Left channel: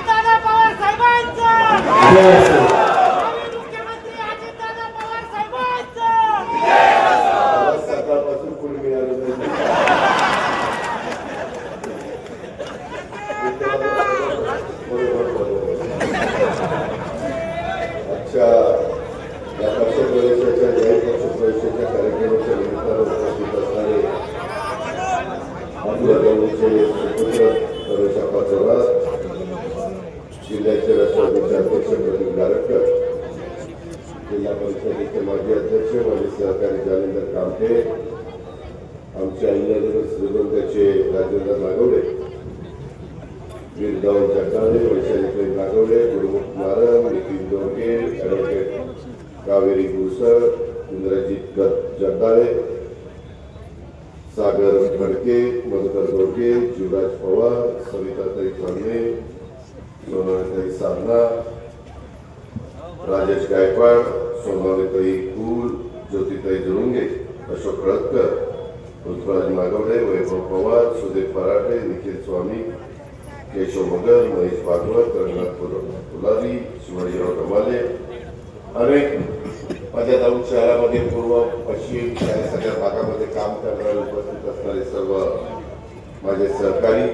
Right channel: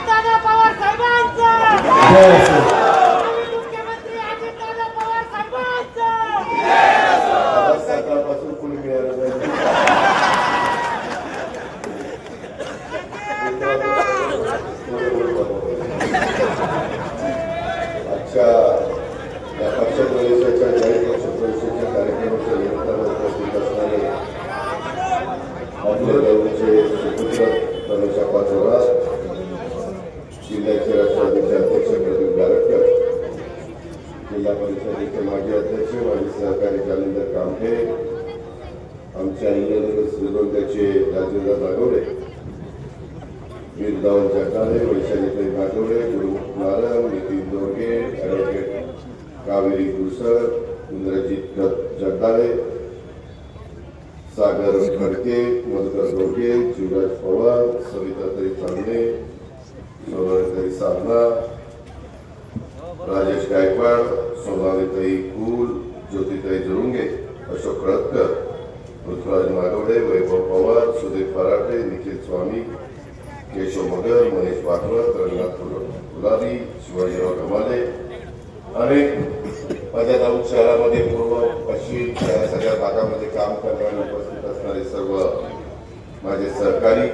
अजितदादा पवार साहेबांचा मुख्यमंत्री अजितदादा पवार साहेबांचा सकाळपासून कोणी मिळालं नाही. आजच्या पक्षप्रवेशाच्या जाहीर पक्षप्रवेशाच्या कार्यक्रमाच्या निमित्तानं उपस्थित असणारे आपल्या गावचे सुपुत्र परशप्पा थोरात, जिल्ह्याचे राष्ट्रवादीचे अध्यक्ष प्रदीप गारटकर, जिल्हा परिषदेचे माजी अध्यक्ष माजी सहकारी जालिंदर कामठे, आमचे अहिल्यानगर श्रीगोंद्याचे राजेंद्र नागवडे, वीर धवल जगदाळे, वैशालीताई नागवडे, गुरुमुख नारंग, नितीन दोरगे, ॲडव्होकेट कावेरी गुरसळ, इंद्रजित जगदाळे, सागर खडके, मधुकर दोरगे, शिवराज पवार, सविताताई कांबळे, सोनालीताई साधना, राजेश गायकवाड, सोनालीताई कुल, ज्योतिताई जुरुंगे, अशोक खळदकर, पृथ्वीराज नागवडे, वैभव पवार, सुदेव फराटे, निखिल स्वामी, केशव मगर, महेश भागवत, रंगनाथ फुलारी, शिवाजीराव गमाले, अनेक माझ्या दाऊद शहरामध्ये पूर्व पश्चिम या सगळ्या भागामध्ये काम करणारे उपस्थित असणारे सर्व माझे सहकारी,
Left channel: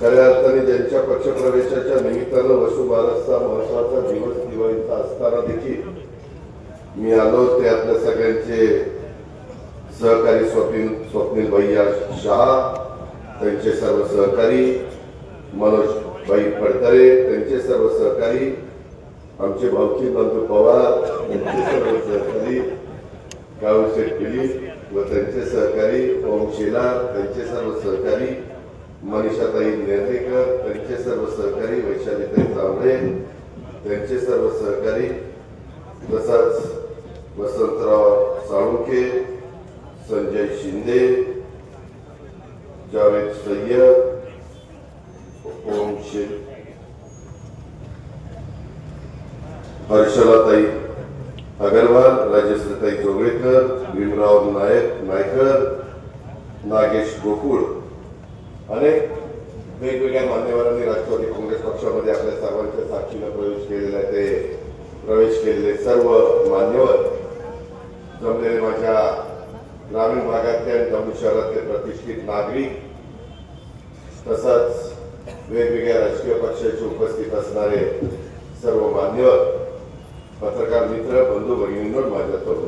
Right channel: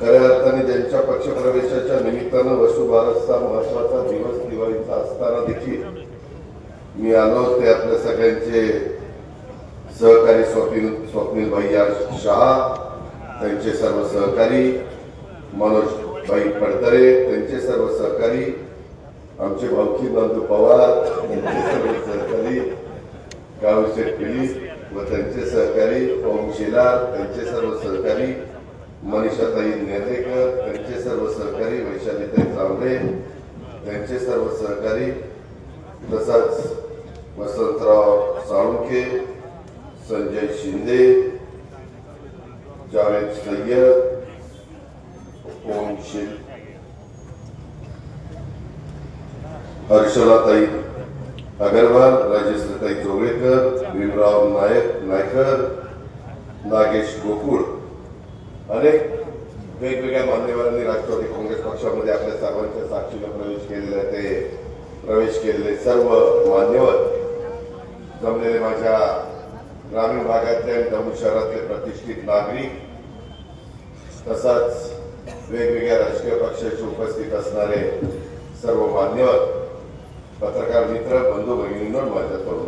खऱ्या अर्थाने ज्यांच्या पक्षप्रवेशाच्या निमित्तानं वसुबारसचा महत्वाचा दिवस दिवाळीचा असताना देखील मी आलो ते आपल्या सगळ्यांचे सहकारी स्वप्नील भैया शहा, त्यांचे सर्व सहकारी, मनोज भाई फडतरे, त्यांचे सर्व सहकारी, आमचे भाऊकी बंधू पवार, त्यांचे सर्व सहकारी, गावशेठ पिली व त्यांचे सहकारी, ओम शेलार, त्यांचे सर्व सहकारी, मनीषाताई नेर्लेकर, त्यांचे सर्व सहकारी, वैशालीताई जांभळे, त्यांचे सर्व सहकारी, तसंच वसंतराव साळुंखे, संजय शिंदे, जावेद सय्यद, ओम शेल, हर्षलाताई अगरवाल, राजेश्वरीताई जोगळेकर, भीमराव नायकर, नागेश गोकुळ, अनेक वेगवेगळ्या मान्यवरांनी राष्ट्रवादी काँग्रेस पक्षामध्ये आपल्या सर्वांच्या साक्षीनं प्रवेश केलेले सर्व मान्यवर जमलेले माझ्या ग्रामीण भागातले आणि जम्मू शहरातले प्रतिष्ठित नागरिक, तसंच वेगवेगळ्या राजकीय पक्षाचे उपस्थित असणारे सर्व मान्यवर, पत्रकार मित्र, बंधू भगिनींनो, माझ्या तरुण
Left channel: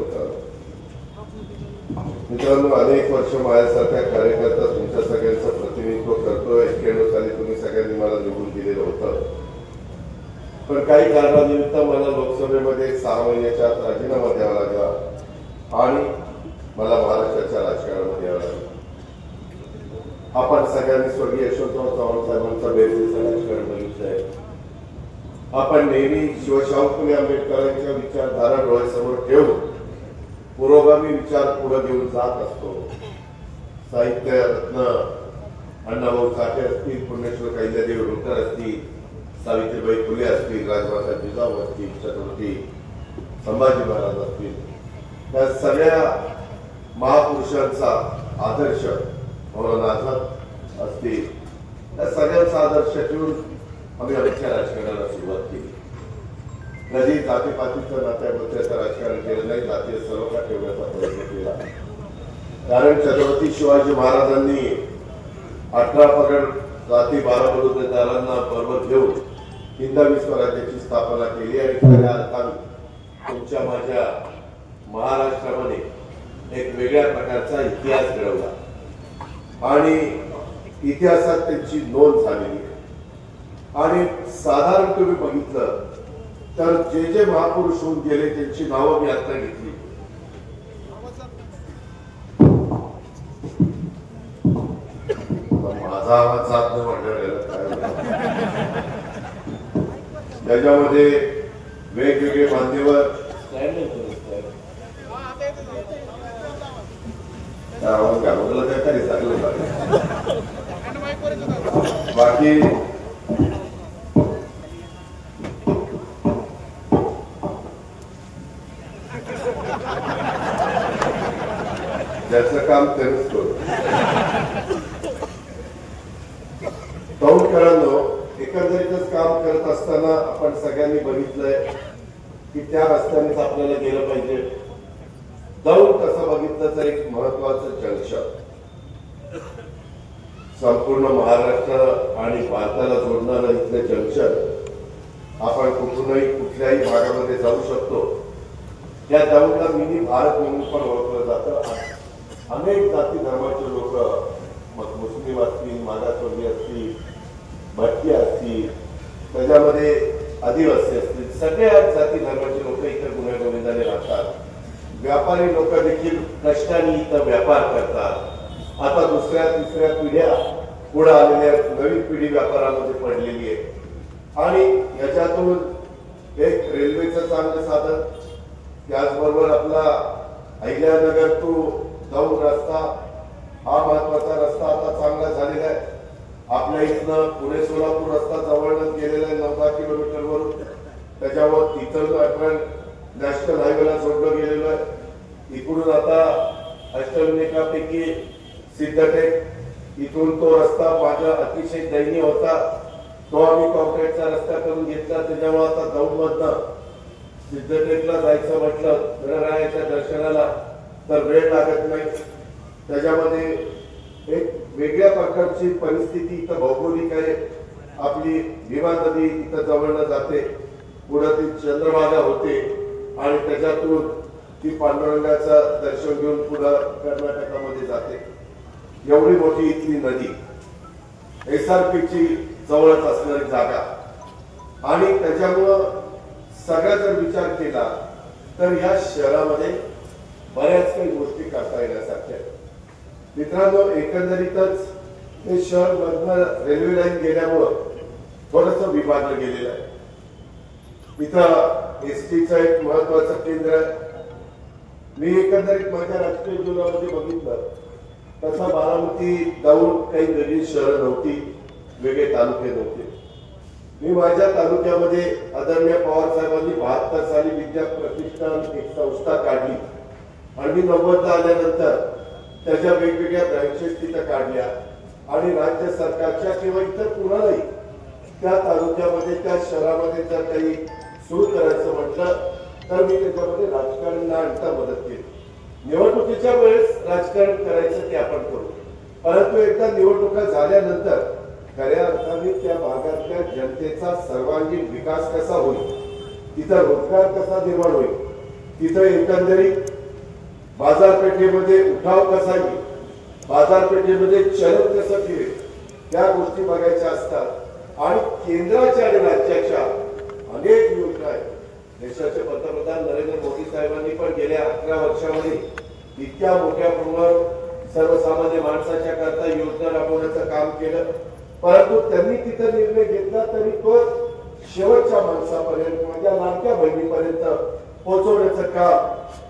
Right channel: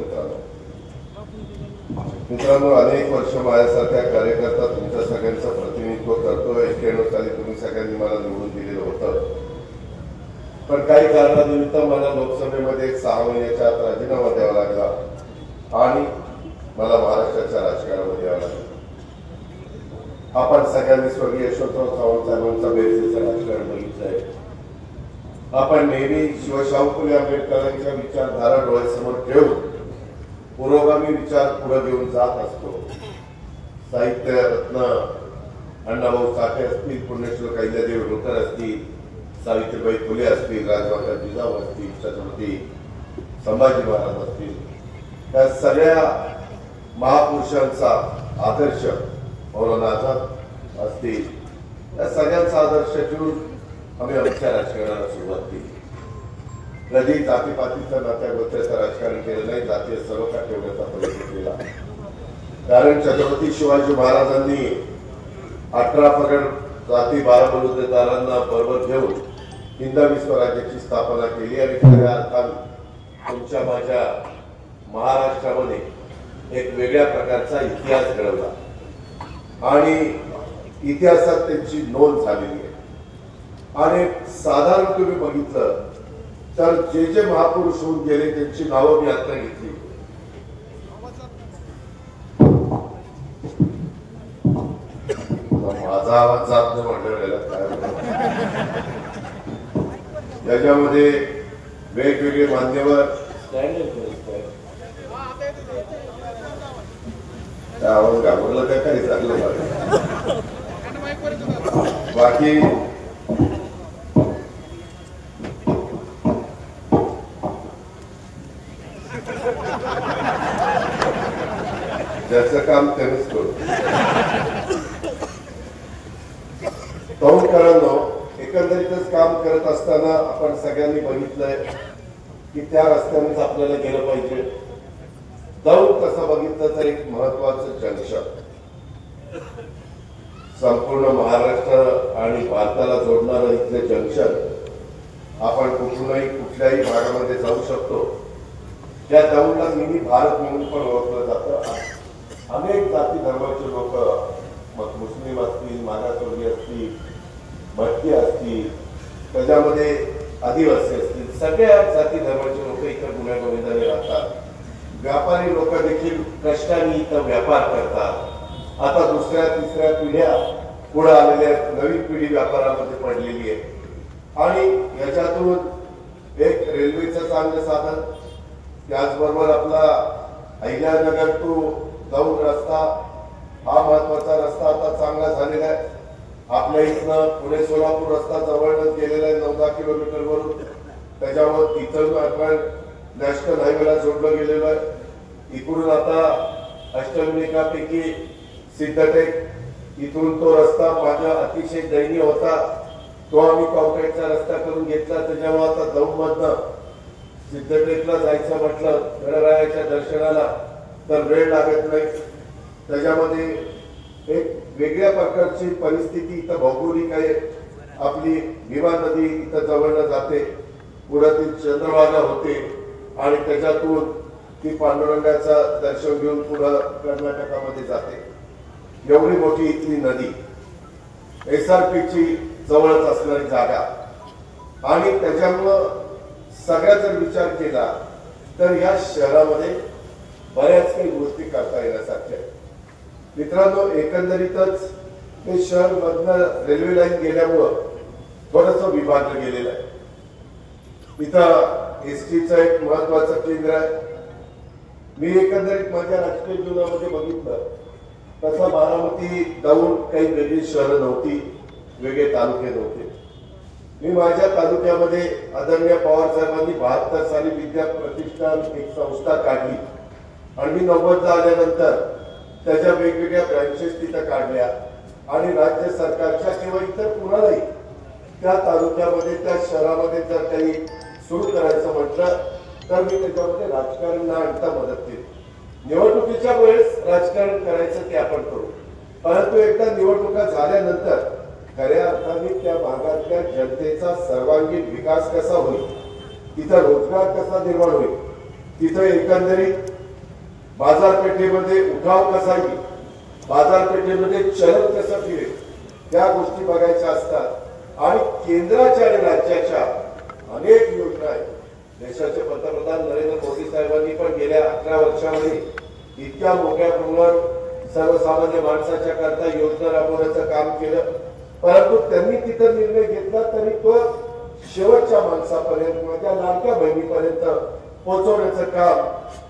मित्रांनो, अनेक वर्ष माझ्यासारख्या कार्यकर्ता तुमच्या सगळ्यांचं प्रतिनिधित्व करतोय. 91 साली तुम्ही सगळ्यांनी मला निवडून दिलेलं होतं, पण काही कारणानिमित्त मला लोकसभेमध्ये 6 महिन्याच्या आत राजीनामा द्यावा लागला आणि मला महाराष्ट्राच्या राजकारणामध्ये यावं लागलं. आपण सगळ्यांनी स्वर्गीय यशवंतराव चव्हाण साहेबांचा बेरजेचं राजकारण बघितलंय. आपण नेहमी शिवशाहू फुले आंबेडकरांच्या विचारधारा डोळ्यासमोर ठेवून पुरोगामी विचार पुढे घेऊन जात असतो. साहित्य रत्न अण्णाभाऊ साठे असतील, पुण्यश्लोक अहिल्यादेवी होळकर असतील, सावित्रीबाई फुले असतील, राजमाता जिजाऊ असतील, छत्रपती संभाजी महाराज असतील, त्या सगळ्या महापुरुषांचा आदर्श मौलाना आझाद असतील, त्या सगळ्यांचा आदर्श ठेवून आम्ही आमच्या राजकारणाला सुरुवात केली. कधी जातीपातीच्या नात्या गोत्याचं राजकारण केलं नाही, जातीय सलोखा ठेवण्याचा प्रयत्न केला. कारण छत्रपती शिवाजी महाराजांनी 18 पगड जाती 12 बलुतेदारांना बरोबर घेऊन हिंदवी स्वराज्याची स्थापना केली आणि खऱ्या अर्थाने तुमच्या माझ्या महाराष्ट्रामध्ये एक वेगळ्या प्रकारचा इतिहास घडवला आणि इतिहासात त्यांची नोंद झालेली आहे. आणि साधारण तुम्ही बघितलं तर जे जे महापुरुष होऊन गेले त्यांची नावं मी आता घेतली. माझा आवाज जात नाही म्हटलं, त्याच्यामध्ये वेगवेगळे मान्यवर आवाज घाबरला त्या काही चांगलं लागलं. बाकी ज्याचं काम त्यानेच करू. तरुणकरांनो, एक एकंदरीतच काम करत असताना आपण सगळ्यांनी बघितलंय की त्या रस्त्यानेच आपल्याला गेलं पाहिजे. दौंड कसं बघितलं तर एक महत्वाचं जंक्शन, संपूर्ण महाराष्ट्र आणि भारताला जोडणारं इथलं जंक्शन. आपण कुठूनही कुठल्याही भागामध्ये जाऊ शकतो. त्या दौंडला मिनी भारत म्हणून पण ओळखलं जातं. अनेक जाती धर्माचे लोक, मग मुस्लिम असतील, मागासवर्गीय असतील, भटकी असतील, त्याच्यामध्ये आदिवासी असतील, सगळ्या जाती धर्माचे लोक इथं गुण्यागोविंदाने राहतात. व्यापारी लोक देखील कष्टाने इथं व्यापार करतात. आता दुसऱ्या तिसऱ्या पिढ्या पुढे आलेल्या नवीन पिढी व्यापारामध्ये पडलेली आहे आणि याच्यातून एक रेल्वेचं चांगलं साधन, त्याचबरोबर आपला अहिल्यानगर टू दौंड रस्ता हा महत्वाचा रस्ता आता चांगला झालेला आहे. आपल्या इथनं पुणे सोलापूर रस्ता जवळच गेलेला आहे 9-10 किलोमीटरवरून. त्याच्यावर तिथं आपण नॅशनल हायवेला जोडलं गेलेलं आहे. इकडून आता अष्टविनायकापैकी सिद्धटेक इथून तो रस्ता माझा अतिशय दयनीय होता, तो आम्ही कॉन्क्रीटचा रस्ता करून घेतला. त्याच्यामुळे आता दौंड मधनं सिद्धटेकला जायचं म्हटलं गणरायाच्या दर्शनाला तर वेळ लागत नाही. त्याच्यामध्ये एक वेगळ्या प्रकारची परिस्थिती इथं भौगोलिक आहे. आपली भीमा नदी इथं जवळनं जाते, पुढे ती चंद्रभागा होते आणि त्याच्यातून ती पांडुरंगाचं दर्शन घेऊन पुढे कर्नाटकामध्ये जाते. एवढी मोठी इथली नदी, एसआरपीची जवळच असणारी जागा आणि त्याच्यामुळं सगळ्या जर विचार केला तर या शहरामध्ये बऱ्याच काही गोष्टी करता येण्यासारख्या आहेत. मित्रांनो, एकंदरीतच हे शहर मधनं रेल्वे लाईन गेल्यामुळं थोडंसं विभागलं गेलेलं आहे. इथं एसटीचं एक महत्वाचं केंद्र आहे. मी एकंदरीत माझ्या राजकीय जीवनामध्ये बघितलं तसं बारामती दौंड काही वेगळी शहरं नव्हती, वेगळे तालुके नव्हते. मी माझ्या तालुक्यामध्ये आदरणीय पवार साहेबांनी 72 साली विद्या प्रतिष्ठान एक संस्था काढली आणि मी 90 आल्यानंतर त्याच्या वेगवेगळ्या ब्रँचेस तिथं काढल्या आणि राज्य सरकारच्या किंवा इतर कुणालाही त्या तालुक्यामध्ये त्या शहरामध्ये जर काही सुरू करायचं म्हटलं तर मी त्याच्यामध्ये राजकारण न आणता मदत केली. निवडणुकीच्या वेळेस राजकारण करायचं ते आपण करू, परंतु एकदा निवडणुका झाल्यानंतर खऱ्या अर्थाने त्या भागातल्या जनतेचा सर्वांगीण विकास कसा होईल, तिथं रोजगार कसा निर्माण होईल, तिथं एकंदरीत बाजारपेठेमध्ये उठाव कसा येईल, बाजारपेठेमध्ये चलन कसं फिरेल, त्या गोष्टी बघायच्या असतात. आणि केंद्राच्या आणि राज्याच्या अनेक योजना आहेत. देशाचे पंतप्रधान नरेंद्र मोदी साहेबांनी पण गेल्या 11 वर्षांमध्ये इतक्या मोठ्या प्रमाणात सर्वसामान्य माणसाच्या करता योजना राबवण्याचं काम केलं, परंतु त्यांनी तिथं निर्णय घेतला तरी तो शेवटच्या माणसापर्यंत, माझ्या लाडक्या बहिणीपर्यंत पोहोचवण्याचं काम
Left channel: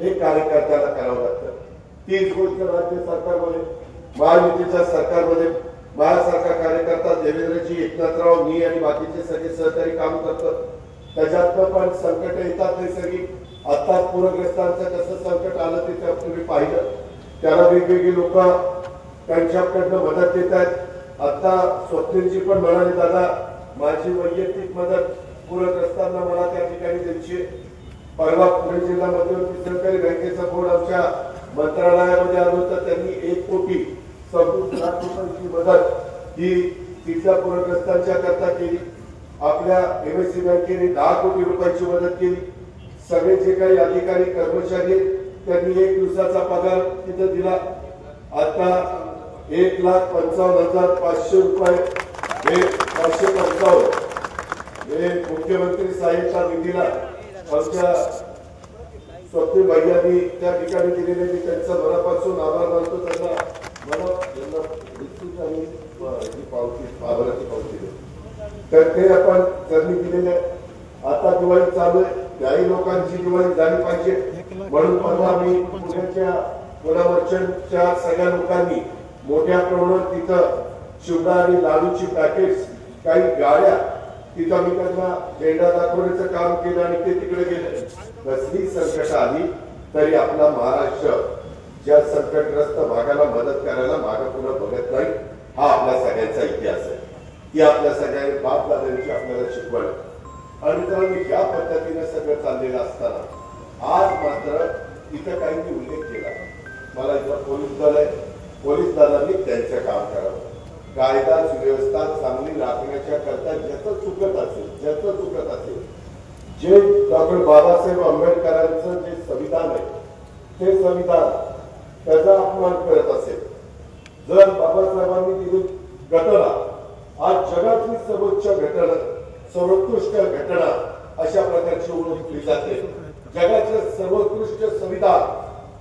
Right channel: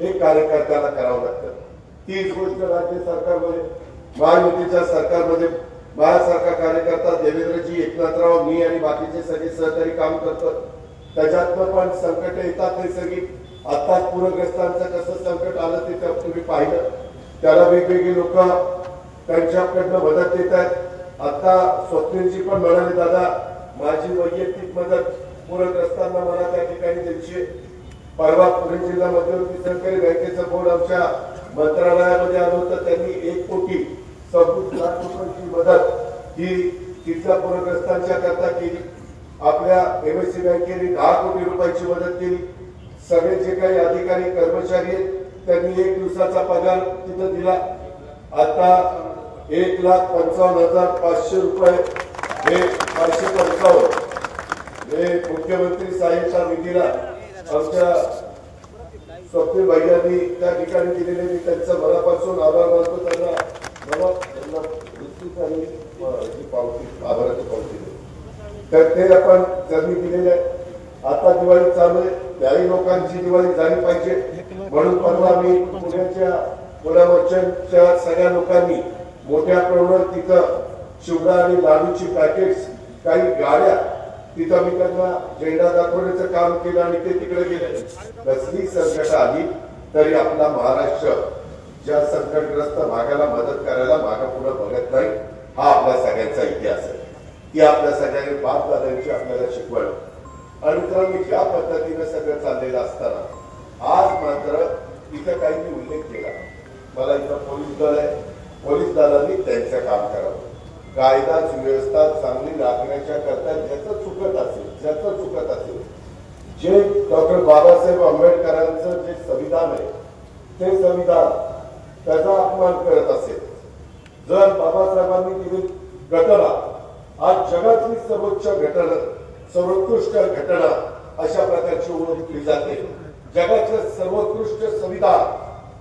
हे कार्यकर्त्याला करावं लागतं. तीच गोष्ट राज्य सरकारमध्ये, महायुतीच्या सरकारमध्ये माझ्यासारखा कार्यकर्ता देवेंद्रजी, एकनाथराव, मी आणि बाकीचे सगळे सहकारी काम करतात. त्याच्यातनं पण संकट येतात नैसर्गिक. आता पूरग्रस्तांचं कसं संकट आलं ते तुम्ही पाहिलं. त्याला वेगवेगळी लोक त्यांच्याकडनं मदत देत आहेत. आता स्वप्नीलजी पण म्हणाले, दादा माझी वैयक्तिक मदत पूरग्रस्तांना मला त्या ठिकाणी द्यायची. परवा पुणे जिल्हा मध्यवर्ती सहकारी बँकेचं बोर्ड आमच्या मंत्रालयामध्ये आलं होतं. त्यांनी 1 कोटी 26 लाख रुपयांची मदत ही तिथल्या पूरग्रस्तांच्या करता केली. आपल्या एमएससी बँकेने 10 कोटी रुपयाची मदत केली. सगळे जे काही अधिकारी कर्मचारी त्यांनी 1 दिवसाचा पगार तिथं दिला. आता 1,55,500 रुपये हे 555 हे मुख्यमंत्री सहाय्यता निधीला आमच्या स्वप्नील भैयांनी त्या ठिकाणी दिलेले. मी त्यांचा मनापासून आभार मानतो. त्यांना आभाराची पावती तर ते आपण त्यांनी दिलेले आहे. आता दिवाळी चालू आहे, त्याही लोकांची दिवाळी झाली पाहिजे म्हणून परवा मी पुण्याच्या पुणे मर्चंटच्या सगळ्या लोकांनी मोठ्या प्रमाणात तिथं चिवडा आणि लाडूची पॅकेट्स, काही गाड्या तिथं मी त्यांना झेंडा दाखवण्याचं काम केलं आणि ते तिकडे गेले. कसली संकट आली तरी आपला महाराष्ट्र ज्या संकटग्रस्त भागाला मदत करायला मागे पुढे बघत नाही, हा आपल्या सगळ्यांचा इतिहास आहे. ही आपल्या सगळ्यांनी बापदादांची आपल्याला शिकवण. आणि मित्रांनो, ज्या पद्धतीनं सगळं चाललेलं असताना आज मात्र इथं काहींनी उल्लेख केला. मला इथं पोलीस दल आहे, पोलीस दलांनी त्यांचं काम करावं. कायदा सुव्यवस्था चांगली राखण्याच्या करता ज्याचं चुकत असेल जे डॉक्टर बाबासाहेब आंबेडकरांचं जे संविधान आहे ते संविधान त्याचा अपमान करत असेल, जर बाबासाहेबांनी दिली घटना आज जगातली सर्वोत्कृष्ट घटना अशा प्रकारची ओळखली जाते, जगाचं सर्वोत्कृष्ट संविधान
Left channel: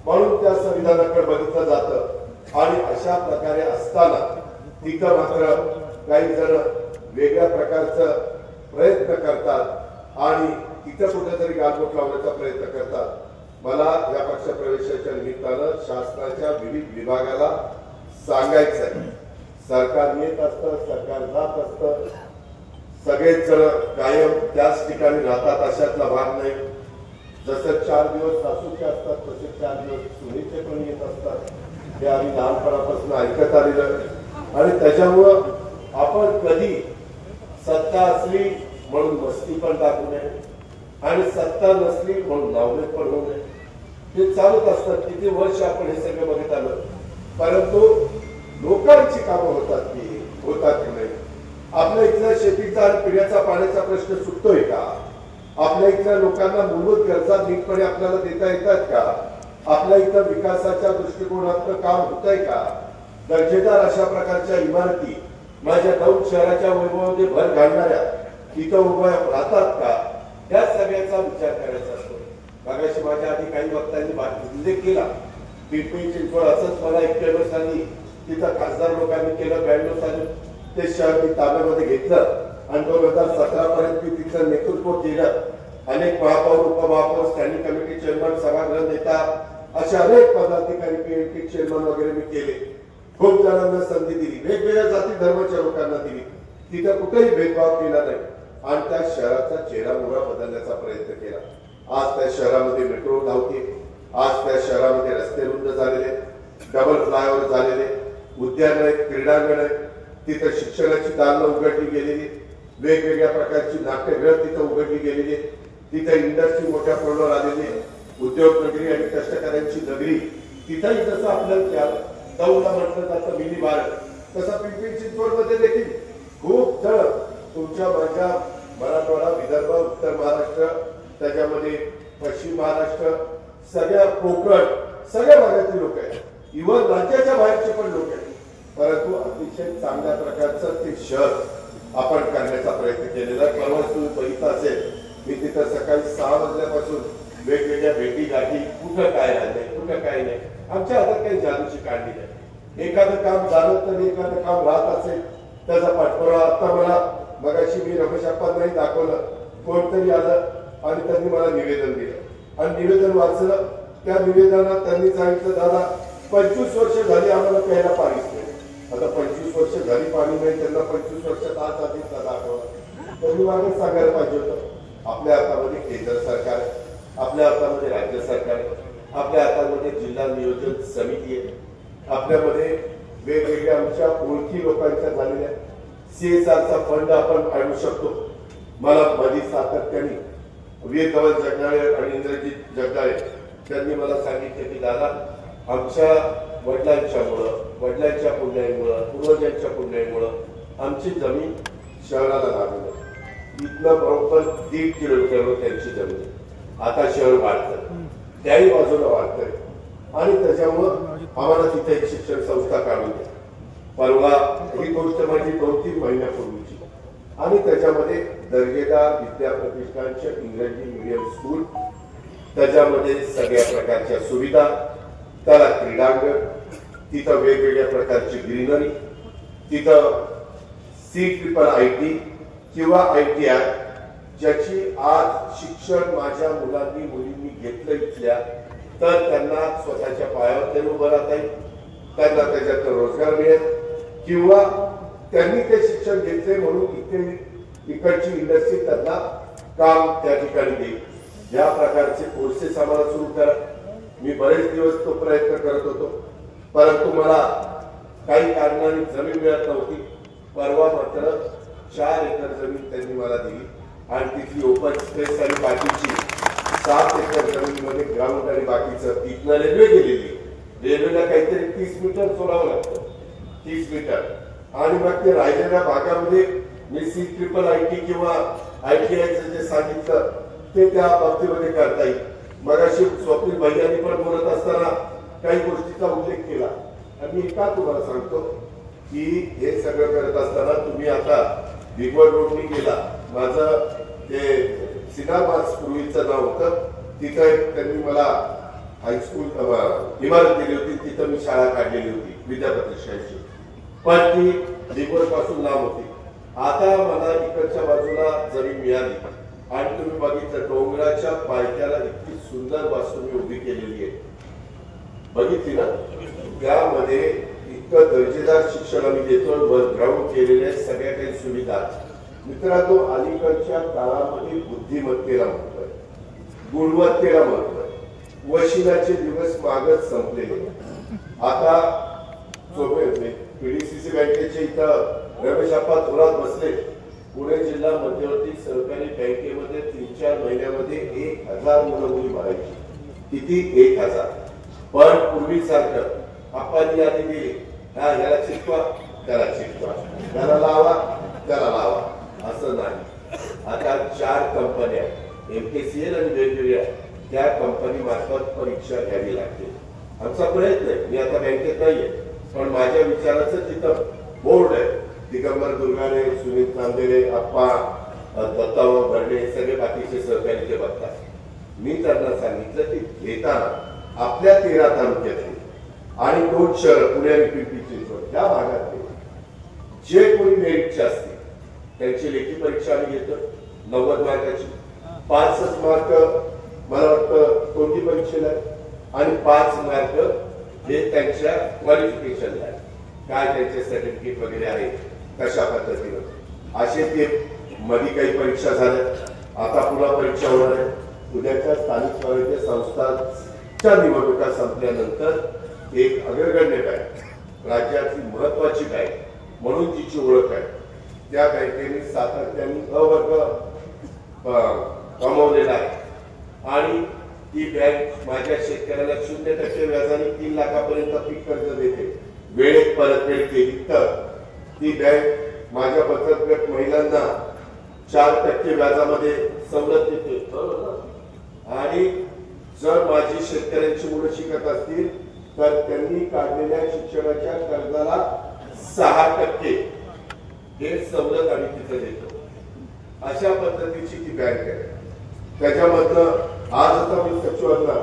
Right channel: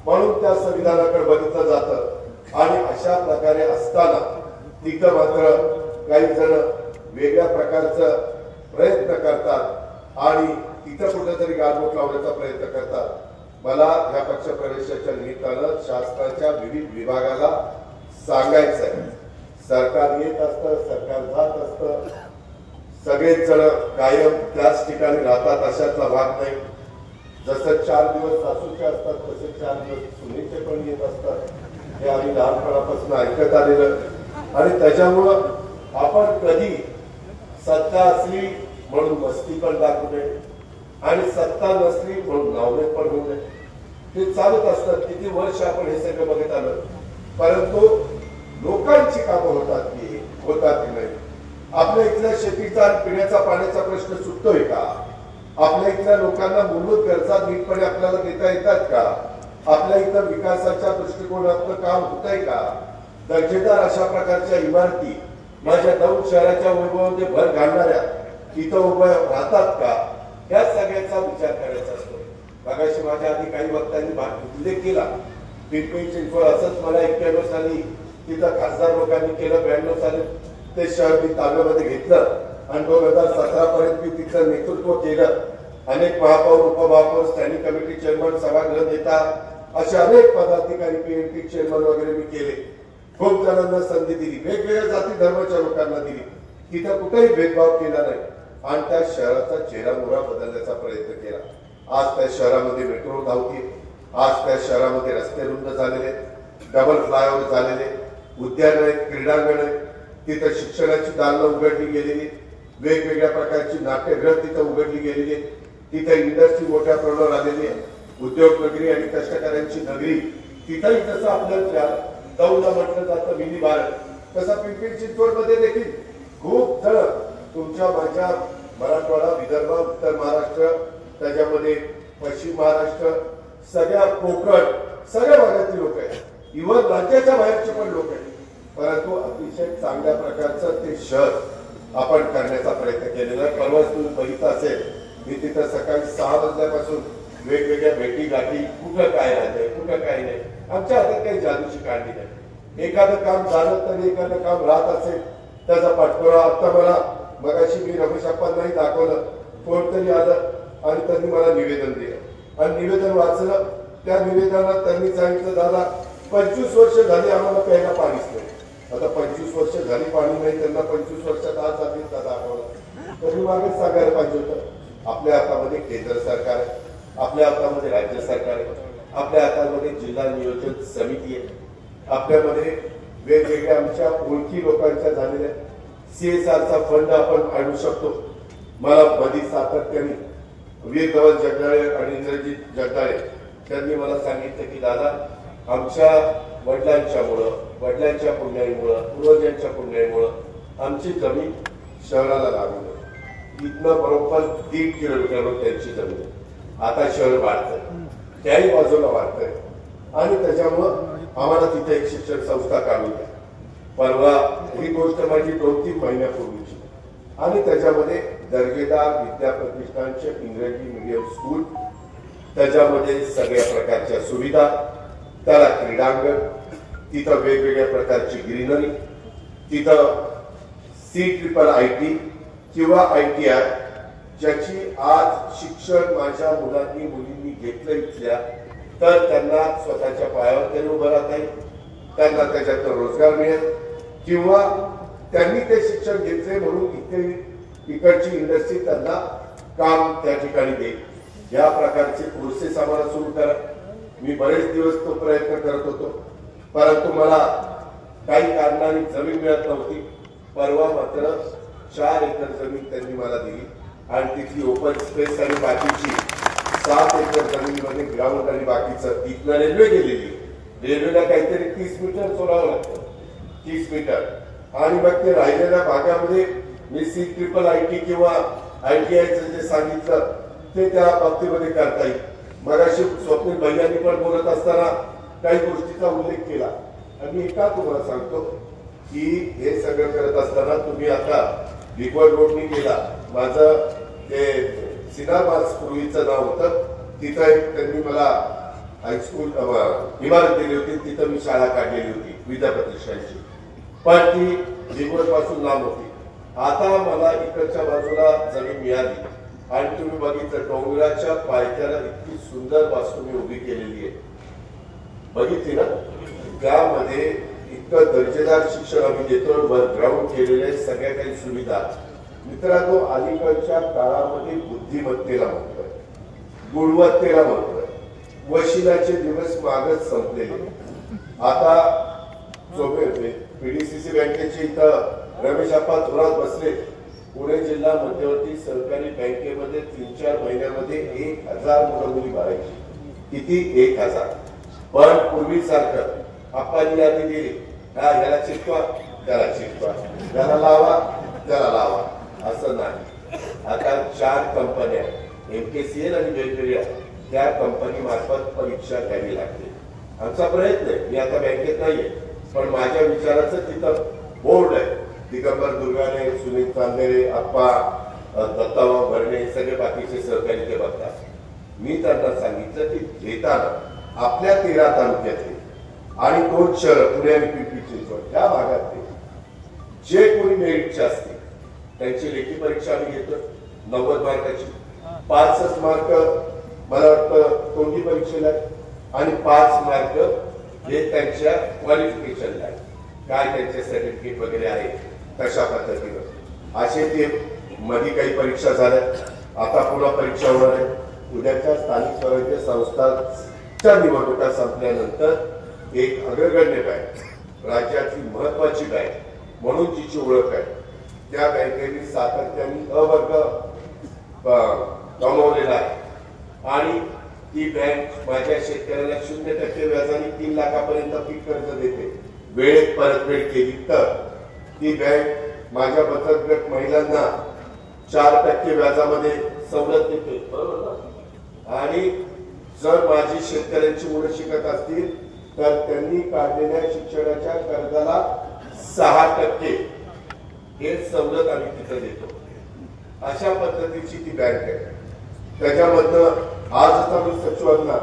म्हणून त्या संविधानाकडे बघितलं जातं. आणि अशा प्रकारे असताना तिथं मात्र काही जण वेगळ्या प्रकारचा प्रयत्न करतात आणि तिथं कुठेतरी गालबोट लावण्याचा प्रयत्न करतात. मला या पक्षप्रवेशाच्या निमित्तानं शासनाच्या विविध विभागाला सांगायचं आहे, सरकार येत असतं, सरकार जात असतं, सगळेच जण कायम त्याच ठिकाणी राहतात अशातला भाग नाही. जसं 4 दिवस सासूचे असतात तसे 4 दिवस सुनेचे पण येत असतात. हे आम्ही लहानपणापासून ऐकत आलेलं. आणि त्याच्यामुळं आपण कधी सत्ता असली म्हणून मस्ती पण दाखवू नये आणि सत्ता नसली म्हणून नावलेट पण होऊ नये. हे चालूच असतात. किती वर्ष आपण हे सगळं बघत आलं, परंतु लोकांची कामं होतात की नाही? आपल्या इथल्या शेतीचा आणि पिण्याचा पाण्याचा प्रश्न सुटतोय का? आपल्या इथल्या लोकांना मूलभूत गरजा नीटपणे आपल्याला देता येतात का? आपल्या इथं विकासाच्या दृष्टिकोनातून काम होत आहे का? दर्जेदार अशा प्रकारच्या इमारती माझ्या 9 शहराच्या वैभवामध्ये भर घालणाऱ्या इथं उभ्या राहतात का? या सगळ्याचा विचार करायचा असतो. मगाशी माझ्या आधी काही वक्त्यांनी उल्लेख केला, पिंपरी चिंचवड असंच मला 91 साली तिथं खासदार लोकांनी केलं, 92 साली ते शहर मी ताब्यामध्ये घेतलं आणि 2017 पर्यंत मी तिथलं नेतृत्व केलं. अनेक महापौर, उपमहापौर, स्टँडिंग कमिटी चेअरमन, सभागृह नेता असे अनेक पदाधिकारी, पीएमटी चेअरमन वगैरे मी केले. खूप जणांना संधी दिली, वेगवेगळ्या जाती धर्माच्या लोकांना दिली. तिथं कुठेही भेदभाव केला नाही आणि त्या शहराचा चेहरामोहरा बदलण्याचा प्रयत्न केला. आज त्या शहरामध्ये मेट्रो धावते, आज त्या शहरामध्ये रस्ते रुंद झालेले, डबल फ्लायओव्हर झालेले, उद्यान आहेत, क्रीडांगण आहेत, तिथं शिक्षणाची दालनं उघडली गेलेली, वेगवेगळ्या प्रकारची नाट्यगृह तिथं उघडली गेलेली, तिथं इंडस्ट्री मोठ्या प्रमाणावर आलेली, उद्योग नगरी आणि कष्टकऱ्यांची नगरी. तिथंही जसं आपल्याला दौंडला म्हटलं जातं मिनी भारत, तसं पिंपरी चिंचवड मध्ये देखील खूप जण तुमच्या माझ्या मराठवाडा, विदर्भ, उत्तर महाराष्ट्र, त्याच्यामध्ये पश्चिम महाराष्ट्र, सगळ्या कोकण, सगळ्या भागातील लोक आहेत, इव्हन राज्याच्या बाहेरचे पण लोक आहेत. परंतु अतिशय चांगल्या प्रकारचं ते शहर आपण करण्याचा प्रयत्न केलेला आहे. परवाच तुम्ही बघितलं असेल, मी तिथं सकाळी 6 वाजल्यापासून वेगवेगळ्या भेटी गाठी, कुठं काय राहिलंय, कुठं काय नाही. आमच्या हातात काही जादूची काढली नाही. एखादं काम झालं तरी एखादं काम राहत असेल त्याचा पाठपुरावा. आता मला मगाशी मी रमेश अप्पांनाही दाखवलं, कोणतरी आलं आणि त्यांनी मला निवेदन दिलं आणि निवेदन वाचलं. त्या निवेदनात त्यांनी सांगितलं, दादा 25 वर्ष झाली आम्हाला प्यायला पाणीच नाही. आता 25 वर्ष झाली पाणी नाही, त्यांना 25 वर्षात आज आधीचा दाखवला तरी मागे सांगायला पाहिजे होतं. आपल्या हातामध्ये केंद्र सरकार आहे, आपल्या हातामध्ये राज्य सरकार आहे, आपल्या हातामध्ये जिल्हा नियोजन समिती आहे, आपल्यामध्ये वेगवेगळ्या आमच्या ओळखी लोकांच्या झालेल्या CSRचा फंड आपण आणू शकतो. मला मधी सातत्याने वीर गवत जगदाळे आणि इंद्रजित जगदाळे त्यांनी मला सांगितलं की दादा, आमच्या वडिलांच्या पुण्याईमुळं, पूर्वजांच्या पुण्याईमुळं आमची जमीन शहराला लागली. इथनं बरोबर 1.5 किलोमीटरवर त्यांची जमीन. आता शहर वाढतंय, त्याही बाजूला वाढतंय आणि त्याच्यामुळं आम्हाला तिथे एक शिक्षण संस्था काढून द्या. परवा ही गोष्ट माझी 2-3 महिन्यापूर्वीची आणि त्याच्यामध्ये दर्जेदार विद्या प्रतिष्ठानचे इंग्रजी मीडियम स्कूल, त्याच्यामध्ये सगळ्या प्रकारच्या सुविधा, त्याला क्रीडांगण, तिथं वेगवेगळ्या प्रकारची ग्रीनरी, तिथं CIIT किंवा ITI ज्याची आज शिक्षण माझ्या मुलांनी मुलींनी घेतलं इथल्या, तर त्यांना स्वतःच्या पायावर ते उभं राहता येईल, त्यांना त्याच्यातून रोजगार मिळेल किंवा त्यांनी ते शिक्षण घेतले म्हणून इकडची इंडस्ट्री त्यांना काम त्या ठिकाणी देईल. या प्रकारचे कोर्सेस आम्हाला सुरू करा. मी बरेच दिवस तो प्रयत्न करत होतो, परंतु मला काही कारणाने जमीन मिळत नव्हती. परवा मात्र 4 एकर जमीन त्यांनी मला दिली आणि तिथली ओपन स्पेस आणि बाकीची 7 एकर जमीनमध्ये ग्राउंड आणि बाकीचं इथनं रेल्वे गेलेली. रेल्वेला काहीतरी 30 मीटर सोडावं लागतं, 30 मीटर. आणि मग ते राहिलेल्या भागामध्ये मी CIIT किंवा ITIचं जे सांगितलं ते त्या बाबतीमध्ये करता येईल. मगाशी स्वप्नील भैयांनी पण बोलत असताना काही गोष्टीचा उल्लेख केला आणि मी का तुम्हाला सांगतो की हे सगळं करत असताना तुम्ही आता बिगवड रोडनी गेला. माझं ते सिनामास पूर्वीचं नाव होतं, तिथं एक त्यांनी मला हायस्कूल इमारत दिली होती, तिथं मी शाळा काढलेली होती विद्याप्रतिष्ठानची, पण ती बिगवड पासून लांब होती. आता मला इकडच्या बाजूला जमीन मिळाली आणि तुम्ही बघितलं डोंगराच्या पायथ्याला इतकी सुंदर वास्तू मी उभी केलेली आहे, बघितली ना. त्यामध्ये इतकं दर्जेदार शिक्षण आम्ही देतो, ग्राउंड केलेले सगळ्या काही सुविधा. मित्रांनो, अलीकडच्या काळामध्ये बुद्धिमत्तेला म्हणतोय, गुणवत्तेला म्हणतोय, वशिलाचे दिवस मागच संपलेले. आता PDCC बँकेचे इथं रमेश आप्पा थोरात बसले. पुणे जिल्हा मध्यवर्ती सहकारी बँकेमध्ये 3-4 महिन्यामध्ये 1000 मुलं मुली भरायची. किती? 1000. पण पूर्वीसारखं आप्पांनी यादी दिली, हा ह्याला चिटवा त्याला चिटवा, त्याला लावा त्याला लावा, असं नाही. आता 4 कंपन्या MKCL आणि वेगवेगळ्या त्या कंपनी मार्फत परीक्षा घ्यावी लागते. आमचा प्रयत्न आहे, मी आता बँकेत नाहीये, पण माझ्या विचाराचं तिथं बोर्ड आहे. दिगंबर दुर्गाने, सुनील चांदेरे, आप्पा, दत्ताभाऊ भरणे, सगळे बाकीचे सहकारी ते बघतात. मी त्यांना सांगितलं की घेताना आपल्या 13 तालुक्यातले आणि 2 शहर पुणे आणि पिंपरी चिंचवड या भागातले जे कोणी मेरिटचे असतील त्यांची लेखी परीक्षा आम्ही घेतो 90 मार्काची. 5 मार्क मला वाटतं तोंडी परीक्षेला आणि 5 मार्क हे त्यांच्या क्वालिफिकेशनला आहे, काय त्यांचे सर्टिफिकेट वगैरे आहे कशा पद्धतीनं. असे ते मध्ये काही परीक्षा झाल्या, आता पुन्हा परीक्षा होणार आहे. उद्याच्या स्थानिक स्वराज्य संस्थांच्या निवडणुका संपल्यानंतर एक अग्रगण्य बँक, राज्याची महत्वाची बँक म्हणून जिची ओळख आहे, त्या बँकेने सातत्याने अवर्ग कमवलेला आहे आणि ती बँक माझ्या शेतकऱ्याला 0% व्याजाने 3 लाखापर्यंत पीक कर्ज देते. वेळेत परतफेड केली तर ती बँक माझ्या बचत गट महिलांना 4% व्याजामध्ये सवलत देते, बरोबर ना. आणि जर माझी शेतकऱ्यांची मुलं शिकत असतील तर त्यांनी काढलेल्या शिक्षणाच्या कर्जाला 6% हे सवलत आम्ही तिथं देतो. अशा पद्धतीची ती बँक आहे. त्याच्यामधनं आज आता मी सचिवांना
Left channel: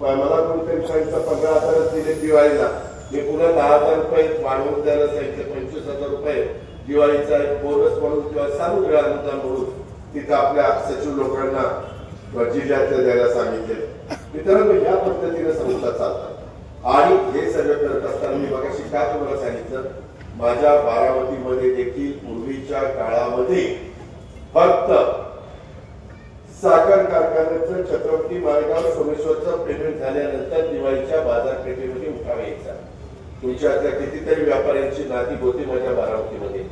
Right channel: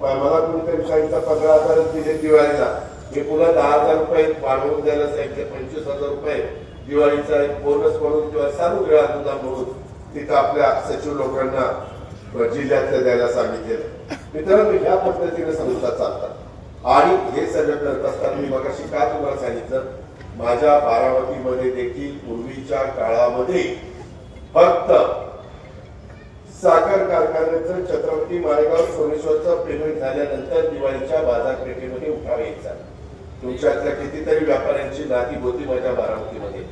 मला कोणीतरी सांगितलं 15,000 दिले दिवाळीला, मी पुन्हा 10,000 रुपये वाढवून द्यायला सांगितले. 25,000 रुपये दिवाळीचा एक बोनस म्हणून किंवा सानुग्रह अनुदान म्हणून तिथं आपल्या सचिव लोकांना जिल्ह्यातल्या द्यायला सांगितले. मित्रांनो, या पद्धतीने संस्था चालतात आणि हे सगळं करत असताना मी मगाशी का तुम्हाला सांगितलं, माझ्या बारामतीमध्ये देखील पूर्वीच्या काळामध्ये फक्त साखर कारखान्याचं छत्रपती माळेगाव सोमेश्वरचं पेमेंट झाल्यानंतर दिवाळीच्या बाजारपेठेमध्ये उठाव यायचा. तुमच्यातल्या कितीतरी व्यापाऱ्यांची नाती होती माझ्या बारामतीमध्ये,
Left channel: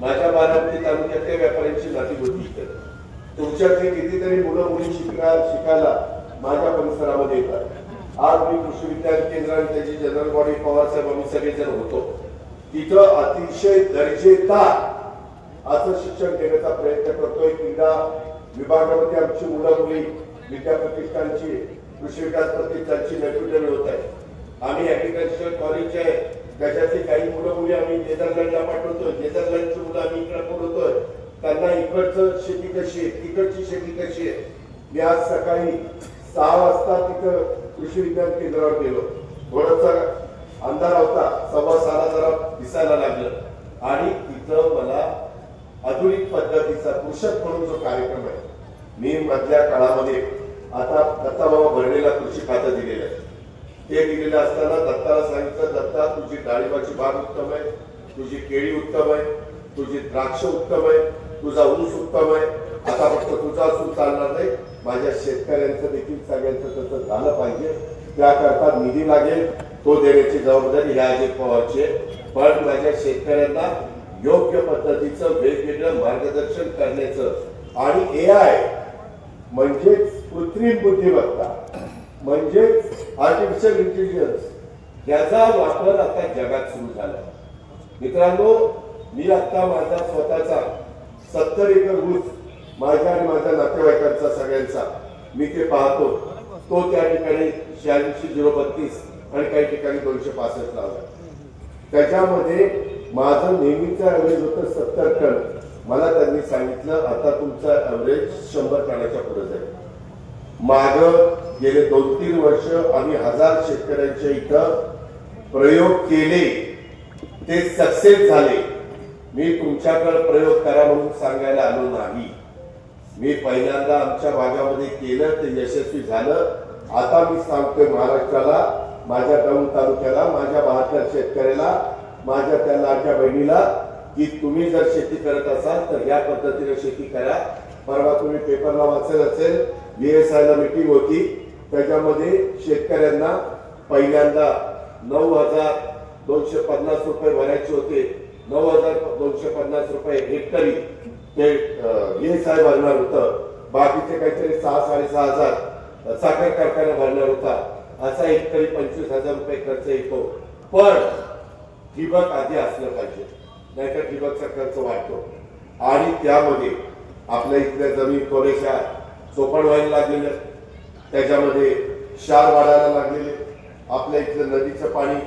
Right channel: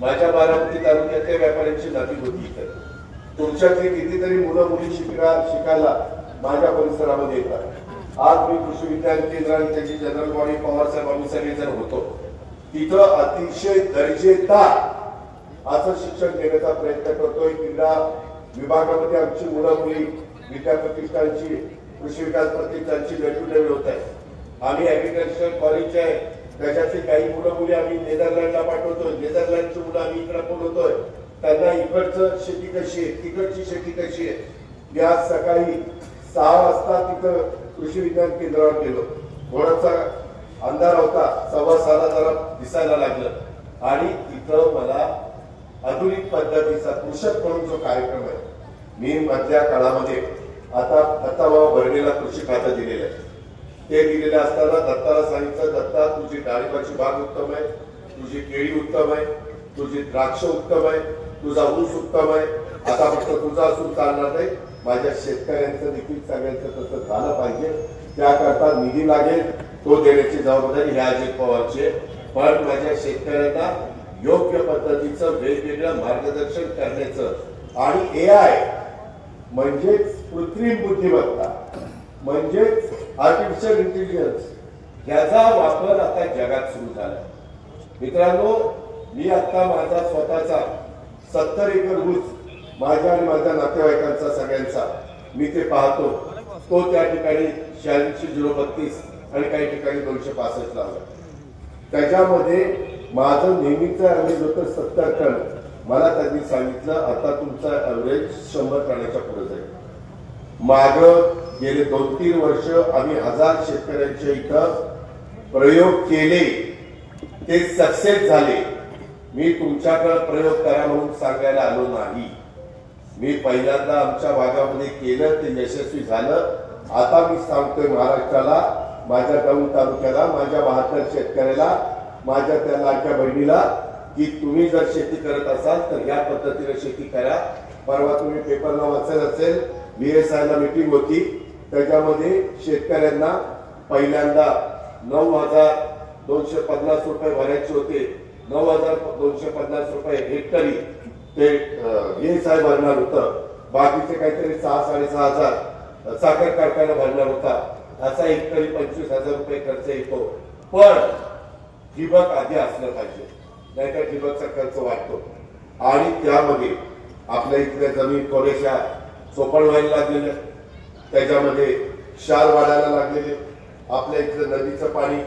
माझ्या बारामती तालुक्यातल्या व्यापाऱ्यांची नाती होती इथे. तुमच्यातले कितीतरी मुलं मुली शिकायला माझ्या परिसरामध्ये येतात. आज मी कृषी विज्ञान केंद्र आणि त्याची जनरल बॉडी पवारसाहेब आम्ही सगळेजण होतो. तिथं अतिशय दर्जेदार असं शिक्षण देण्याचा प्रयत्न करतोय. क्रीडा विभागामध्ये आमची मुलं मुली विद्याप्रतिष्ठानची कृषी विकास प्रतिष्ठानची नैपुण्य मिळवत आहे. आम्ही ऍग्रिकल्चरल कॉलेज आहे त्याच्यातली काही मुलं मुली आम्ही नेदरलँडला पाठवतोय. नेदरलँडची मुलं आम्ही इकडे बोलवतोय, त्यांना इकडचं शेती कशी आहे, तिकडची शेती कशी आहे. मी आज सकाळी 6 वाजता तिथं कृषी विज्ञान केंद्रावर गेलो. थोडासा अंधार होता, 6:15 जरा दिसायला लागलं आणि तिथं मला आधुनिक पद्धतीचा कृषक म्हणून जो कार्यक्रम आहे, मी मधल्या काळामध्ये आता दत्ताभाऊ भरणेला कृषी खातं दिलेलं आहे. ते दिलेलं असताना दत्ताला सांगितलं, दत्ता तुझी डाळिंबाची बाग उत्तम आहे, तुझी केळी उत्तम आहे, तुझी द्राक्ष उत्तम आहे, तुझा ऊस उत्तम आहे. आता फक्त तुझा असून चालणार नाही, माझ्या शेतकऱ्यांचं देखील सगळ्यांचं तसं झालं पाहिजे. त्याकरता निधी लागेल, तो देण्याची जबाबदारी ह्या अजित पवारची आहे. पण माझ्या शेतकऱ्यांना योग्य पद्धतीचं वेगवेगळं मार्गदर्शन करण्याचं आणि AI म्हणजेच कृत्रिम बुद्धिमत्ता म्हणजेच आर्टिफिशियल इंटेलिजन्स याचा वापर आता जगात सुरू झाला. मित्रांनो, मी आता माझा स्वतःचा 70 एकर ऊस माझ्या आणि माझ्या नातेवाईकांचा सगळ्यांचा मी ते पाहतो. तो त्या ठिकाणी 86,032 आणि काही ठिकाणी 265 लावला. त्याच्यामध्ये माझं नेहमीचं ऍव्हरेज होतं 70 टन. मला त्यांनी सांगितलं आता तुमचा ऍव्हरेज 100 टनाच्या पुढे जाईल. माग गेले 2-3 वर्ष आम्ही 1000 शेतकऱ्यांच्या इथं प्रयोग केले, ते सक्सेस झाले. मी तुमच्याकडे प्रयोग करा म्हणून सांगायला आलो नाही. मी पहिल्यांदा आमच्या भागामध्ये केलं, ते यशस्वी झालं. आता मी सांगतोय महाराष्ट्राला, माझ्या दौंड तालुक्याला, माझ्या 72 शेतकऱ्याला, माझ्या त्या लाडक्या बहिणीला, की तुम्ही जर शेती करत असाल तर या पद्धतीने शेती करा. परवा तुम्ही पेपरला वाचलं असेल, VSI ला मीटिंग होती. त्याच्यामध्ये शेतकऱ्यांना पहिल्यांदा 9,250 रुपये भरायचे होते. 9,250 रुपये हेक्टरी ते VSI भरणार होतं. बाकीचे काहीतरी 6,000-6,500 साखर कारखाना भरणार होता. असा हेक्टरी 25,000 रुपये खर्च येतो. पण ठिबक आधी असलं पाहिजे, नाहीतर ठिबकचा खर्च वाढतो. आणि त्यामध्ये आपल्या इथल्या जमीन थोड्याशा चोपण व्हायला लागलेलं, त्याच्यामध्ये क्षार वाढायला लागलेले. आपल्या इथलं नदीचं पाणी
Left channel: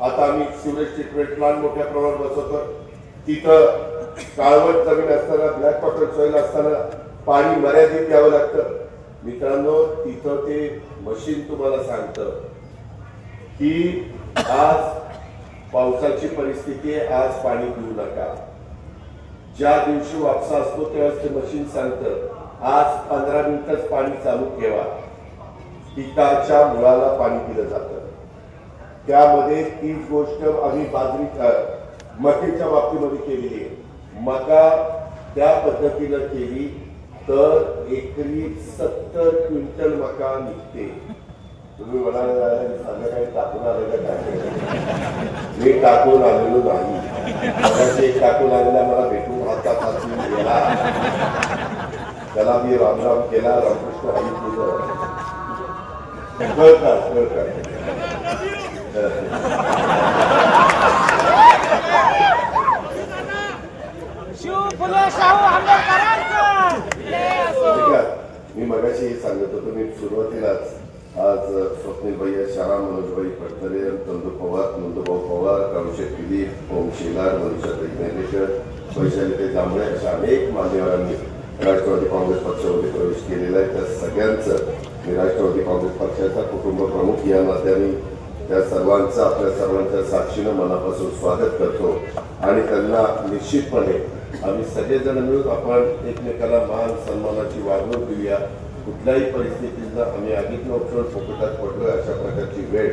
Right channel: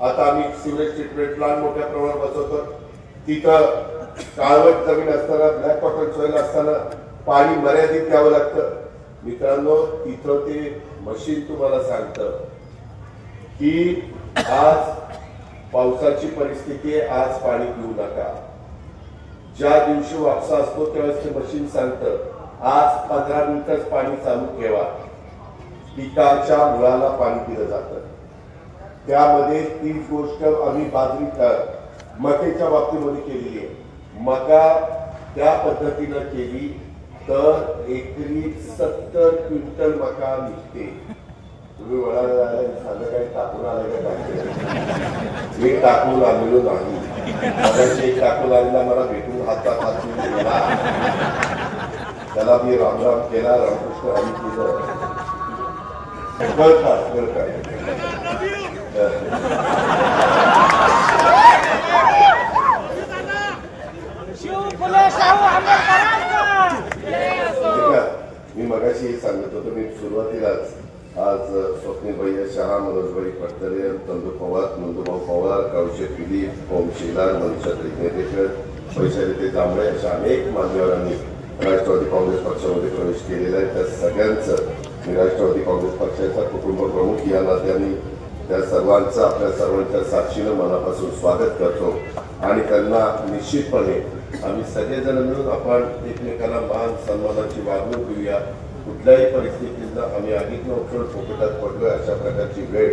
आता आम्ही सिवरेज ट्रीटमेंट प्लांट मोठ्या प्रमाणात बसवतो. तिथं काळवट जमीन असताना, ब्लॅक कॉटन सॉइल असताना पाणी मर्यादित घ्यावं लागतं. मित्रांनो, तिथं ते मशीन तुम्हाला सांगतं की आज पावसाची परिस्थिती आहे, आज पाणी पिऊ नका. ज्या दिवशी वापसा असतो त्यावेळेस ते मशीन सांगतं आज 15 मिनिटच पाणी चालू ठेवा. पिकाच्या मुळाला पाणी दिलं जातं. त्यामध्ये तीच गोष्ट आम्ही बाजरी मक्याच्या बाबतीमध्ये केलेली आहे. मका त्या पद्धतीनं केली तर एकरी 70 क्विंटल मका निघते. तुम्ही म्हणाला झालं काय टाकून आलं का? मी टाकून आलेलो नाही. टाकून आलेला मला भेटून हातात हात गेला, त्याला मी रामराम केला, रामकृष्ण हरी केलं. शिव फुले शाहू आंबेडकरांचं. मी मगाशी हे सांगत होतो. मी सुरुवातीलाच आज स्वप्नील भैया शहा, मनोजभाई पटकरे, चंदू पवार, नंदूभाऊ पवार, काळूशेठ दिलीप, ओम शेलार, मनीषा दैनेकर, वैशाली ते जांभळे अशा अनेक मान्यवरांनी राष्ट्रवादी काँग्रेस पक्षामध्ये प्रवेश केलेला आहे. त्या सगळ्यांचं मी राष्ट्रवादी काँग्रेस पक्षाचा कुटुंब प्रमुख या नात्याने त्या सर्वांचं आपल्या सर्वांच्या साक्षीनं मनापासून स्वागत करतो. आणि त्यांना निश्चितपणे आम्ही सगळेजण मिळून आपण एकमेकाला मान सन्मानाची वागणूक देऊया. कुठल्याही परिस्थितीला आम्ही आगीत उठून फोकटात पडलोय अशा प्रकारची वेळ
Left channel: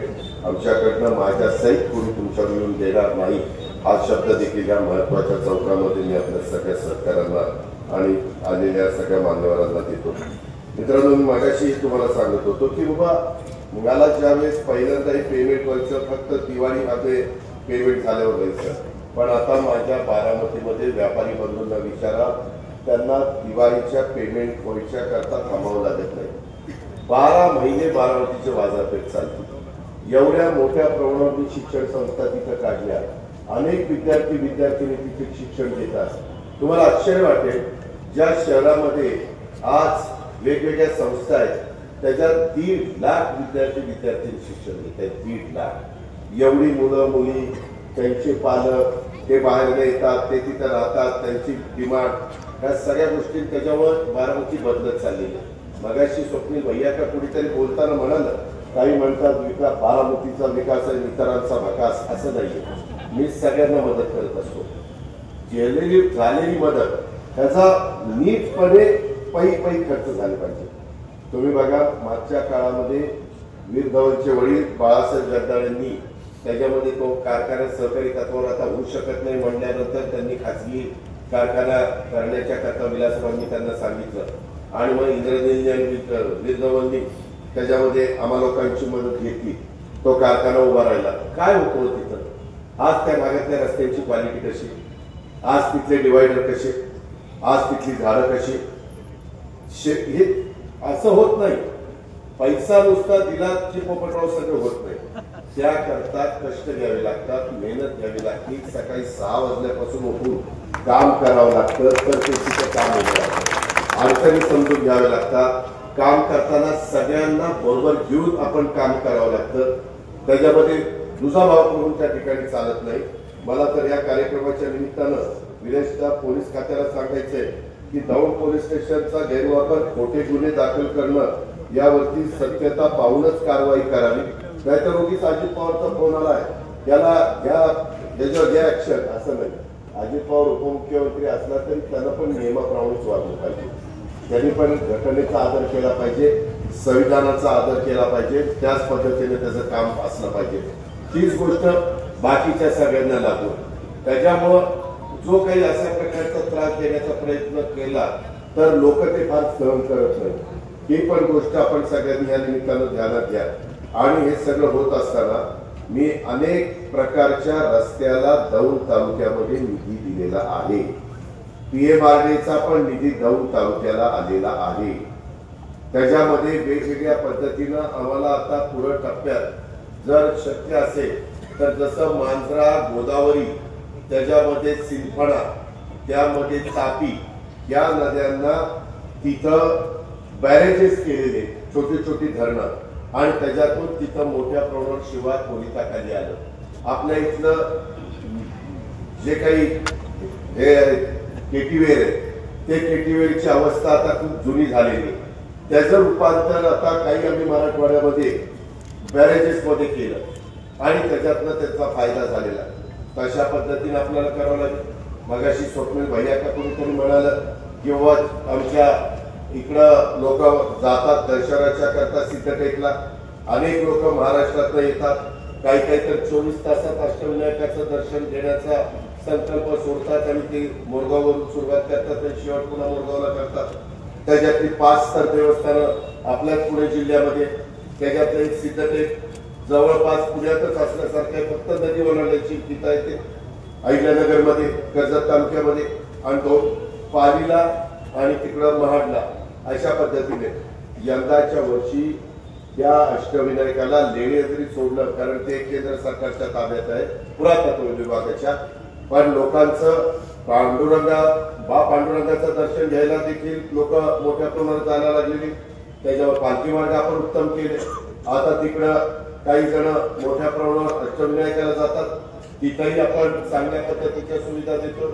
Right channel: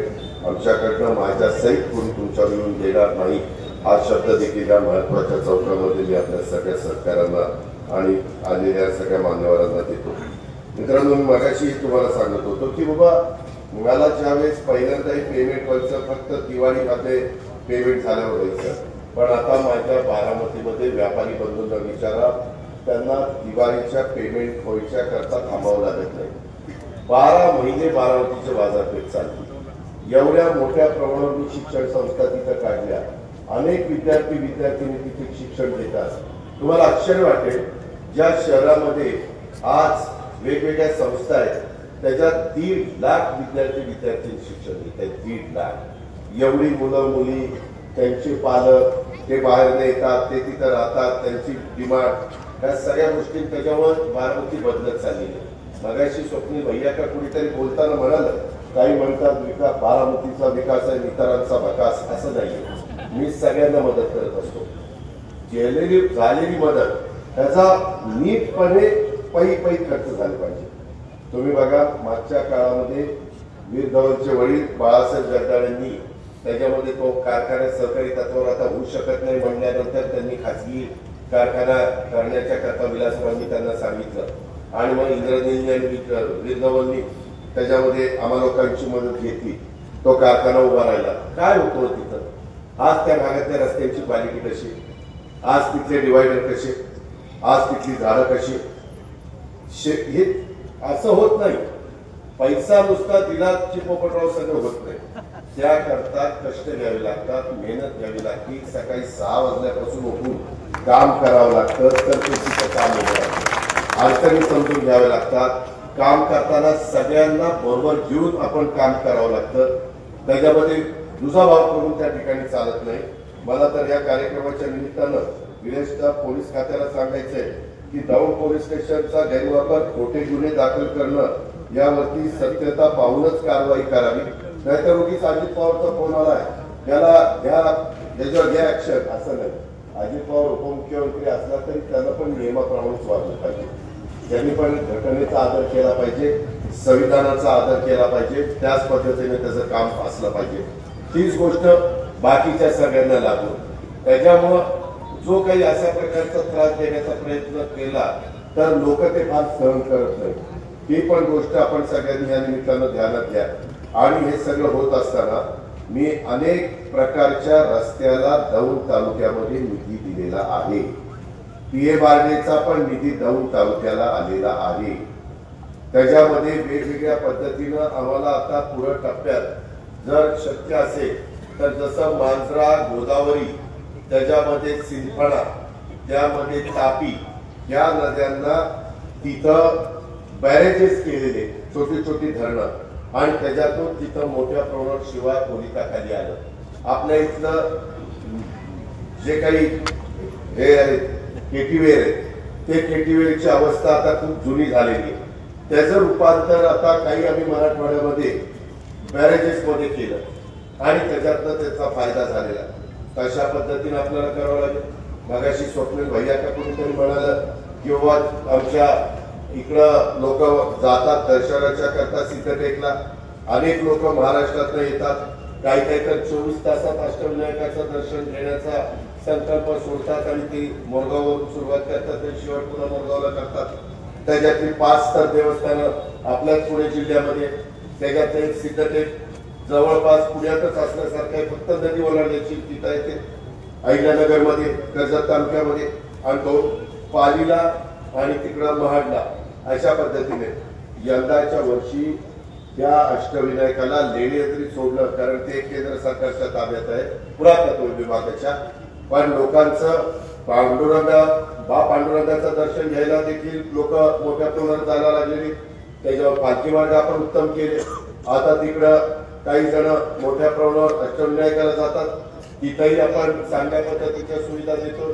आमच्याकडनं माझ्या सहित कोणी तुमच्या मिळून देणार नाही. हा शब्द देखील या महत्वाच्या चौकामध्ये मी आपल्या सगळ्या सहकाऱ्यांना आणि आलेल्या सगळ्या मान्यवरांना देतो. मित्रांनो, मी मगाशी तुम्हाला सांगत होतो की बाबा मला ज्यावेळेस पहिल्यांदा हे पेमेंट व्हायचं फक्त दिवाळीमध्ये पेमेंट झाल्यावर व्हायचं. पण आता माझ्या बारामतीमध्ये व्यापारी बंधूंना विचारा, त्यांना दिवाळीच्या पेमेंट व्हायच्या करता थांबावं लागत नाही. 12 महिने बारामतीचे बाजारपेठ चालते. एवढ्या मोठ्या प्रमाणावर मी शिक्षण संस्था तिथं काढल्या. अनेक विद्यार्थिनी तिथे शिक्षण देतात. तुम्हाला आश्चर्य वाटेल, ज्या शहरामध्ये आज वेगवेगळ्या संस्था आहेत त्याच्यात 1.5 लाख विद्यार्थी शिक्षण देत आहेत. 1.5 लाख. एवढी मुलं मुली, त्यांचे पालक, ते बाहेर येतात, ते तिथं राहतात, त्यांची डिमांड, या सगळ्या गोष्टी त्याच्यावर बारामती बदलत चाललेली आहे. मगाशी स्वप्नील भैया का कुणीतरी बोलताना म्हणाल, काही म्हणतात बारामतीचा विकास आहे, इतरांचा विकास. असं नाहीये. मी सगळ्यांना मदत करत असतो. झालेली मदत त्याचा नीटपणे पै खर्च झाला पाहिजे. तुम्ही बघा, मागच्या काळामध्ये वीर धवनचे वडील बाळासाहेब जगदाळेंनी त्याच्यामध्ये तो कारखाना सहकारी तत्वावर आता होऊ शकत नाही म्हणल्यानंतर त्यांनी खाजगी कारखाना करण्याच्या करता विलासरावांनी त्यांना सांगितलं आणि मग इंद्रदेवनी आणि वीर धवननी त्याच्यामध्ये आम्हा लोकांची मदत घेतली. तो कारखाना उभा राहिला. काय होतो तिथं आज त्या भागातल्या रस्त्यांची क्वालिटी कशी? आज तिथले डिवायडर कसे, आज तिथली झाडं कशी, हे असं होत नाही. पैसा नुसता दिला की पोपटराव सगळं होत नाही. त्याकरता कष्ट घ्यावे लागतात, मेहनत घ्यावी लागते. सकाळी 6 वाजल्यापासून उठून काम करावं लागतं तर ते तिथं काम होतं. अडचणी समजून घ्याव्या लागतात. काम करताना सगळ्यांना बरोबर घेऊन आपण काम करावं लागतं. त्याच्यामध्ये दुजाभाव करून त्या ठिकाणी चालत नाही. मला तर या कार्यक्रमाच्या निमित्तानं विशेषतः पोलीस खात्याला सांगायचंय की दौंड पोलीस स्टेशनचा गैरवापर, खोटे गुन्हे दाखल करणं यावरती सत्यता पाहूनच कारवाई करावी. नाहीतर उगीच अजित पवारचा फोन आलाय त्याला याच्यावर घ्या ऍक्शन असं नाही. अजित पवार उपमुख्यमंत्री असला तरी त्यानं पण नियमाप्रमाणेच वागलं पाहिजे. त्यांनी पण घटनेचा आदर केला पाहिजे, संविधानाचा आदर केला पाहिजे. त्याच पद्धतीने त्याचं काम असलं पाहिजे. तीच गोष्ट बाकीच्या सगळ्यांना लागू. त्याच्यामुळं जो काही अशा प्रकारचा त्रास देण्याचा प्रयत्न केला तर लोक ते फार सहन करत नाही. ही पण गोष्ट आपण सगळ्यांनी या निमित्तानं ध्यानात घ्या. आणि हे सगळं होत असताना मी अनेक प्रकारच्या रस्त्याला दौंड तालुक्यामध्ये निधी दिलेला आहे. पीए बार्डेचा पण निधी दौंड तालुक्याला आलेला आहे. त्याच्यामध्ये वेगवेगळ्या पद्धतीनं आम्हाला आता पुढे टप्प्यात जर शक्य असेल तर जसं मांजरा, गोदावरी, त्याच्यामध्ये सिंधफणा, त्यामध्ये तापी या नद्यांना तिथं बॅरेजेस केलेले, छोटी छोटी धरणं, आणि त्याच्यातून तिथं मोठ्या प्रमाणात शिवाय खोलीताखाली आलं. आपल्या इथलं जे काही हे केटीवेर आहे ते केटीवेरची अवस्था आता खूप जुनी झालेली. त्याचं रूपांतर आता काही आम्ही मराठवाड्यामध्ये बॅरेजेस मध्ये केलं आणि त्याच्यातनं त्याचा फायदा झालेला. तशा पद्धतीने आपल्याला करावं लागेल. मगाशी स्वप्नील भैया का कोणीतरी म्हणालं किंवा आमच्या इकडं लोक जातात दर्शनाच्या करता सिद्धटेकला. अनेक लोक महाराष्ट्रातनं येतात. काही काही तर 24 तासात अष्टविनायकाचं दर्शन घेण्याचा संकल्प सोडतात आणि ते मोरगाववरून सुरुवात करतात आणि शेवट पुन्हा मोरगावला करतात. त्याच्यातली 5 तर देवस्थानं आपल्याच पुणे जिल्ह्यामध्ये. त्याच्यातलं एक सिद्धटेक जवळपास पुण्यातच असल्यासारखं आहे. फक्त नदी ओलांडण्याची तिथं येते अहिल्यानगरमध्ये, कर्जत तालुक्यामध्ये, आणि तो पालीला आणि तिकडं महाडला. अशा पद्धतीने यंदाच्या वर्षी त्या अष्टविनायकाला लेणी जरी सोडलं, कारण ते केंद्र सरकारच्या ताब्यात आहे, पुरातत्व विभागाच्या, पण लोकांचं पांडुरंगाचं दर्शन घ्यायला देखील लोक मोठ्या प्रमाणात जायला लागलेली. त्याच्यावर पालखी मार्ग आपण उत्तम केले. आता तिकडं काही जण मोठ्या प्रमाणावर अष्टविनायकाला जातात. तिथंही आपण चांगल्या पद्धतीच्या सुविधा देतो.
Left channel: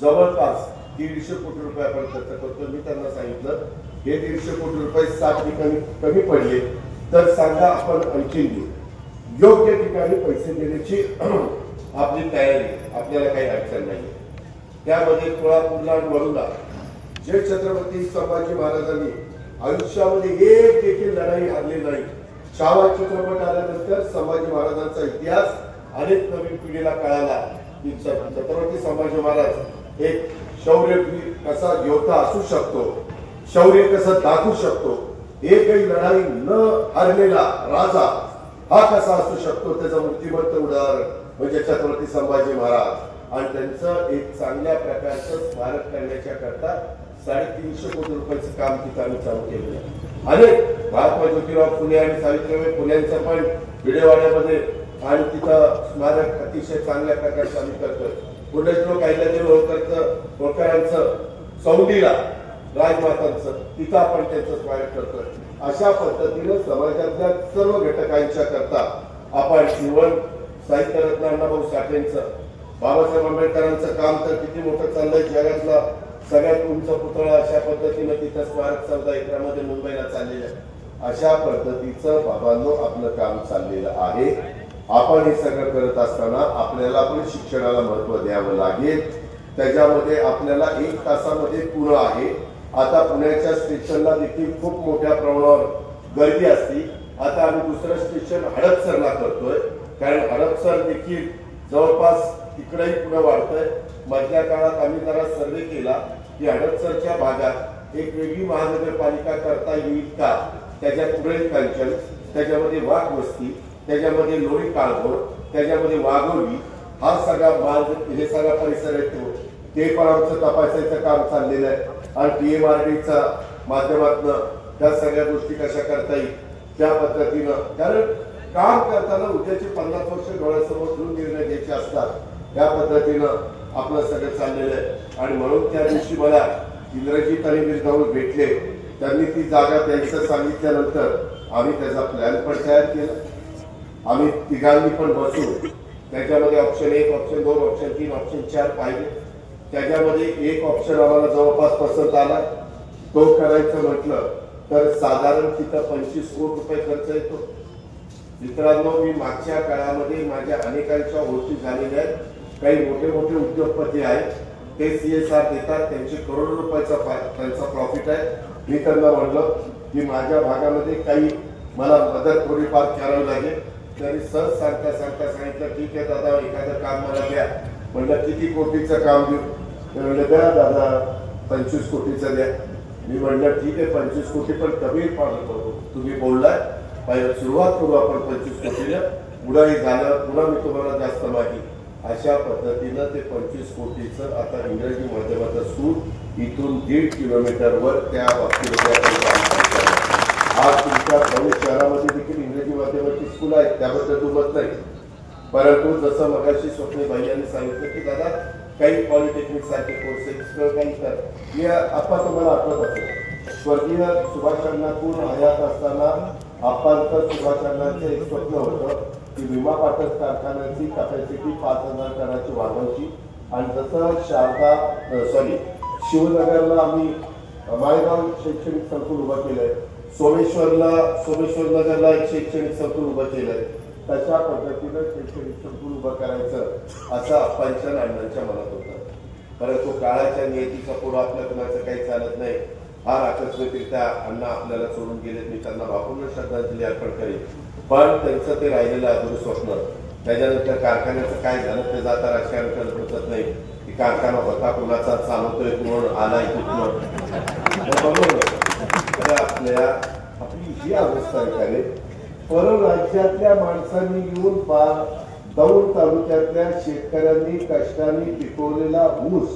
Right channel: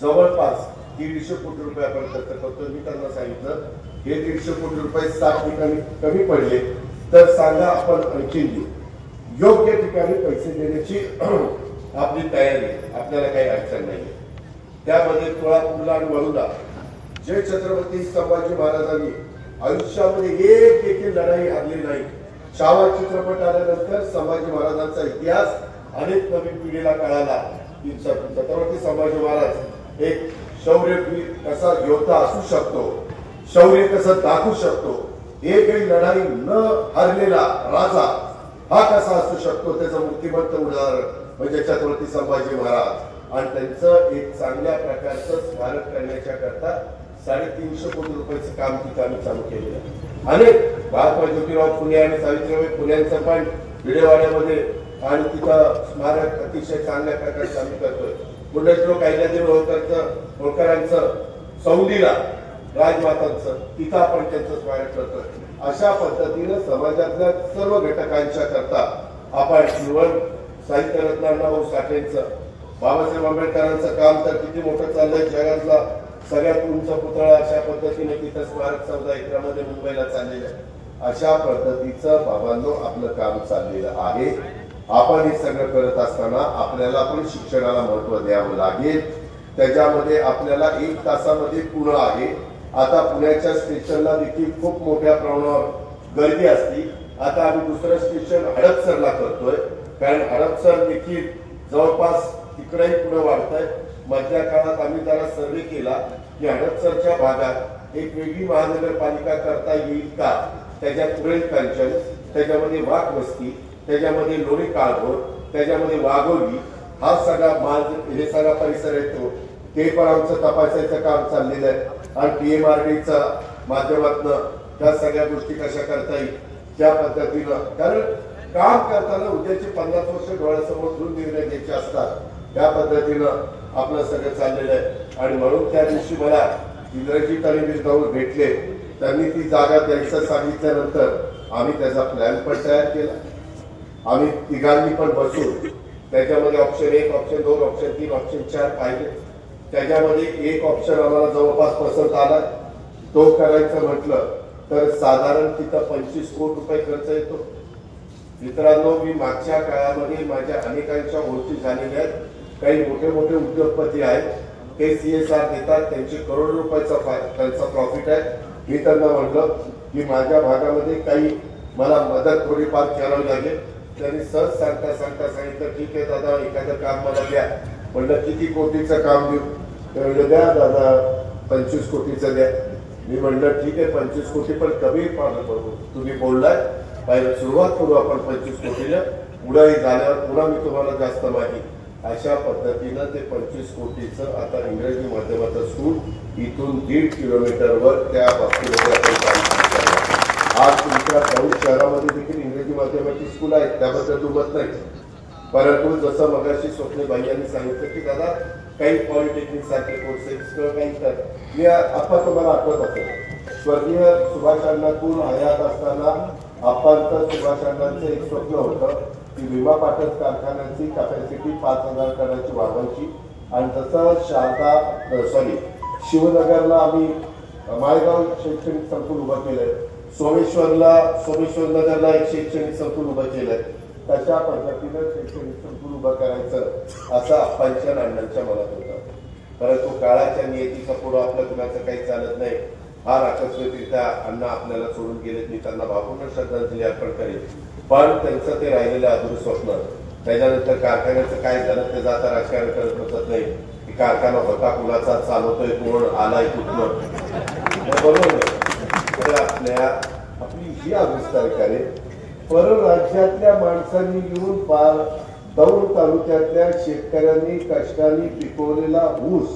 जवळपास 150 कोटी रुपये आपण खर्च करतो. मी त्यांना सांगितलं हे 150 कोटी रुपये 7 ठिकाणी कमी पडले तर सांगा, आपण आणखी देऊ. योग्य ठिकाणी पैसे देण्याची आपली तयारी, आपल्याला काही अडचण नाही. त्यामध्ये तुळापूरला आणि वळूला जे छत्रपती संभाजी महाराजांनी आयुष्यामध्ये एक देखील लढाई हरली नाही. शावर चित्रपट आल्यानंतर संभाजी महाराजांचा इतिहास अनेक नवीन पिढीला कळाला की छत्रपती संभाजी महाराज एक शौर्यवीर कसा योद्धा असू शकतो, शौर्य कसं दाखवू शकतो, एकही लढाई न हरलेला राजा हा कसा असू शकतो, त्याचं मूर्तिमंत उदाहरण म्हणजे छत्रपती संभाजी महाराज. आणि त्यांचं एक चांगल्या प्रकारचं स्मारक करण्याच्या करता 350 कोटी रुपयाचं काम तिथं आम्ही चालू केलेलं आहे. अनेक महात्मा ज्योतिराव फुले आणि सावित्रीबाई फुल्यांचं पण विडेवाड्यामध्ये आणि तिथं स्मारक अतिशय चांगल्या प्रकारचं आम्ही करतोय. पुण्यश्लोक अहिल्यादेवी होळकरांचं सौंदीला राजमातांचं तिथं आपण त्यांचं स्मारक करतोय. अशा पद्धतीनं समाजातल्या सर्व घटकांच्या करता आपण शिवण साहित्यरत्न अण्णाभाऊ साठेंचं, बाबासाहेब आंबेडकरांचं काम तर किती मोठं चाललंय. जगातला सगळ्यात उंच पुतळा अशा पद्धतीने तिथं स्मारक 14 एकरामध्ये मुंबईला चाललेलं आहे. अशा पद्धतीचं बाबांनो आपलं काम चाललेलं आहे. आपण हे सगळं करत असताना आपल्याला पण शिक्षणाला महत्व द्यावं लागेल. त्याच्यामध्ये आपल्याला 1 तासामध्ये पुणे आहे. आता पुण्याच्या स्टेशनला देखील खूप मोठ्या प्रमाणावर गर्दी असते. आता आम्ही दुसरं स्टेशन हडपसरला करतोय, कारण हडपसर देखील जवळपास तिकडेही पुढे वाढतंय. मधल्या काळात आम्ही जरा सर्वे केला की हडपसरच्या भागात एक वेगळी महानगरपालिका करता येईल का. त्याच्यात पुढील कंचन, त्याच्यामध्ये वाघ वस्ती, त्याच्यामध्ये लोणी काळभोर, त्याच्यामध्ये वाघोली, हा सगळा हे सगळा परिसर येतो. ते पण आमचं तपासायचं काम चाललेलं आहे आणि PMRDच्या माध्यमातून त्या सगळ्या गोष्टी कशा करता येईल त्या पद्धतीनं, कारण काम करताना उद्याची 50 वर्ष डोळ्यासमोर ठेवून निर्णय घ्यायचे असतात, त्या पद्धतीनं आपलं सगळं चाललेलं आहे. आणि म्हणून त्या दिवशी मला इंद्रजीत आणि मी जाऊन भेटले, त्यांनी ती जागा द्यायचं सांगितल्यानंतर आम्ही त्याचा प्लॅन पण तयार केला. आम्ही तिघांनी पण बसून त्याच्यामध्ये ऑप्शन 1, ऑप्शन 2, ऑप्शन 3, ऑप्शन 4 पाहिले. त्याच्यामध्ये एक ऑप्शन आम्हाला जवळपास पसंत आला. तो करायचं म्हटलं तर साधारण तिथं 25 कोटी रुपये खर्च येतो. मित्रांनो, मी मागच्या काळामध्ये माझ्या अनेकांच्या ओळखी झालेल्या आहेत. काही मोठे मोठे उद्योगपती आहेत, ते CSR देतात, त्यांचे करोडो रुपयाचा त्यांचा प्रॉफिट आहे. मी त्यांना म्हटलं की माझ्या भागामध्ये काही मला मदत थोडीफार करावी लागेल. त्यांनी सहज सांगता सांगितलं, ठीक आहे दादा, एखादं काम मला द्या. म्हटलं किती कोटीचं काम देऊ? म्हणलं द्या दादा, 25 कोटीचं द्या. मी म्हटलं ठीक आहे, 25 कोटी पण कमी पाडलं, तुम्ही बोललाय, पहिलं सुरुवात करू आपण 25 कोटीला, पुढाही झाल्यावर पुन्हा मी तुम्हाला जास्त माहिती. अशा पद्धतीनं ते 25 कोटीचं आता इंग्रजी माध्यमाचं स्कूल इथून 1.5 किलोमीटरवर त्या बाबतीमध्ये आपण काम करतो. आज तुमच्या दौंड शहरामध्ये देखील इंग्रजी माध्यमाची स्कूल आहेत, त्याबद्दल दुमत नाही. परंतु जसं मगाशी स्वप्नीबाई यांनी सांगितलं की दादा काही पॉलिटेक्निक सारखे कोर्सेस काही तर मी आपण तुम्हाला आठवत असेल, स्वर्गीय सुभाषांनातून हयात असताना आपण सुभाषांनांचं एक स्वप्न होतं की विमा पाटक कारखान्याची कॅपॅसिटी 5000 टनाची वाढवायची. आणि जसं शिवनगरला आम्ही माळेगाव शैक्षणिक संकुल उभं केलंय, सोमेश्वर नगरला एक शैक्षणिक संकुल उभं केलंय, तशा पद्धतीनं शैक्षणिक संकुल उभं करायचं असं आप्पांच्या अण्णांच्या मनात होतं. परंतु काळाच्या नियतीचा पुढं आपलं कुणाचं काही चालत नाही. फार आकस्मिकरित्या अण्णा आपल्याला सोडून गेलेत. मी त्यांना भावपूर्ण श्रद्धांजली अर्पण करेन. पण त्यांचं ते राहिलेलं अधुरं स्वप्न, त्याच्यानंतर कारखान्याचं काय झालं ते जाता राजकारण करत नाही की कारखाना होता कुणाचा, चालवतोय कुण, आलाय कुठलं, बरोबर. तर आपली ही अवस्था आहे. परराज्यातल्या माणसांनी येऊन पार दौंड तालुक्यातल्या शेतकऱ्यांनी कष्टाने पिकवलेला ऊस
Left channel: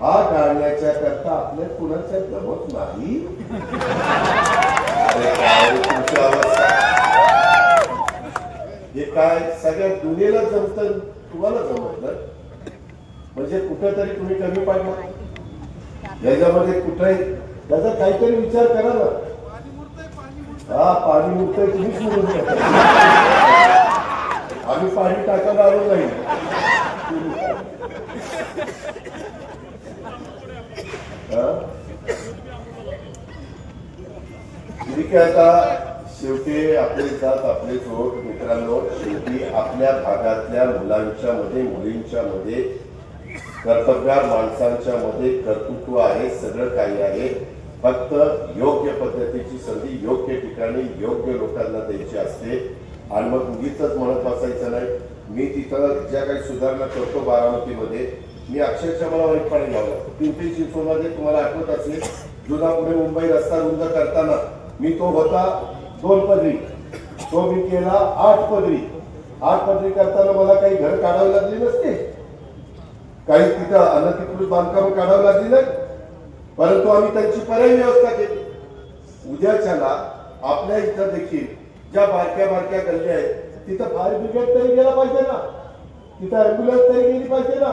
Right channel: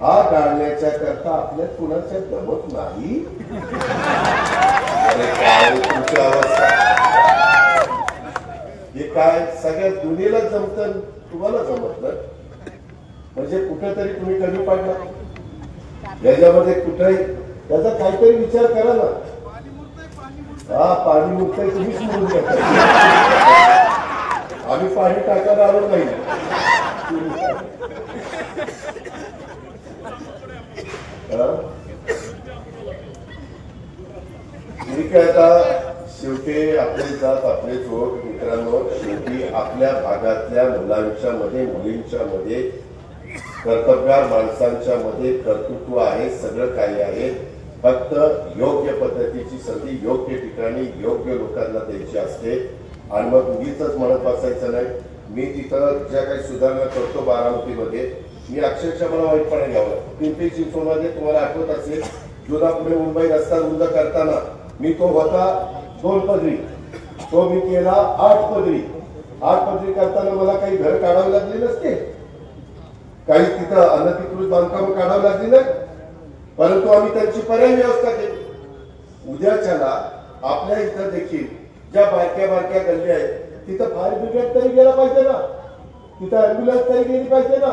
हा गाळण्याच्या करता आपल्या कुणाच्या जमत नाही. हे काय सगळ्या दुनियेला जमत, तुम्हाला जमत नाही म्हणजे कुठेतरी तुम्ही कमी पडला. याच्यामध्ये कुठेही त्याचा काहीतरी विचार करा ना. हा पाणी मुक्तय, तुम्ही सोडून घ्या. आम्ही पाणी टाकायला आलो नाही. ठीक आहे, आता शेवटी आपले जात आपले जोड. मित्रांनो, शेवटी आपल्या भागातल्या मुलांच्या मध्ये, मुलींच्या मध्ये, कर्तव्यवान माणसांच्या मध्ये कर्तृत्व आहे, सगळं काही आहे. फक्त योग्य पद्धतीची संधी योग्य ठिकाणी योग्य लोकांना द्यायची असते. आणि मग उगीच म्हणत बसायचं नाही. मी तिथं ज्या काही सुधारणा करतो बारामतीमध्ये, मी अक्षरशः मला वाईट पाणी लावलं. पिंपरी चिंचवडमध्ये तुम्हाला आठवत असेल, जुना पुणे मुंबई रस्ता रुंद करताना मी तो होता 2 पदरी, तो मी केला 8 पदरी. 8 पदरी करताना मला काही घर काढावे लागले नसते, काही तिथं अनधिकृत बांधकाम काढावी लागली नाही, परंतु आम्ही त्यांची पर्यायी व्यवस्था केली. उद्याच्याला आपल्या इथं देखील ज्या बारक्या बारक्या गल्ल्या आहेत तिथं फायर ब्रिगेड तरी गेला पाहिजे ना, तिथं अँब्युलन्स तरी गेली पाहिजे ना.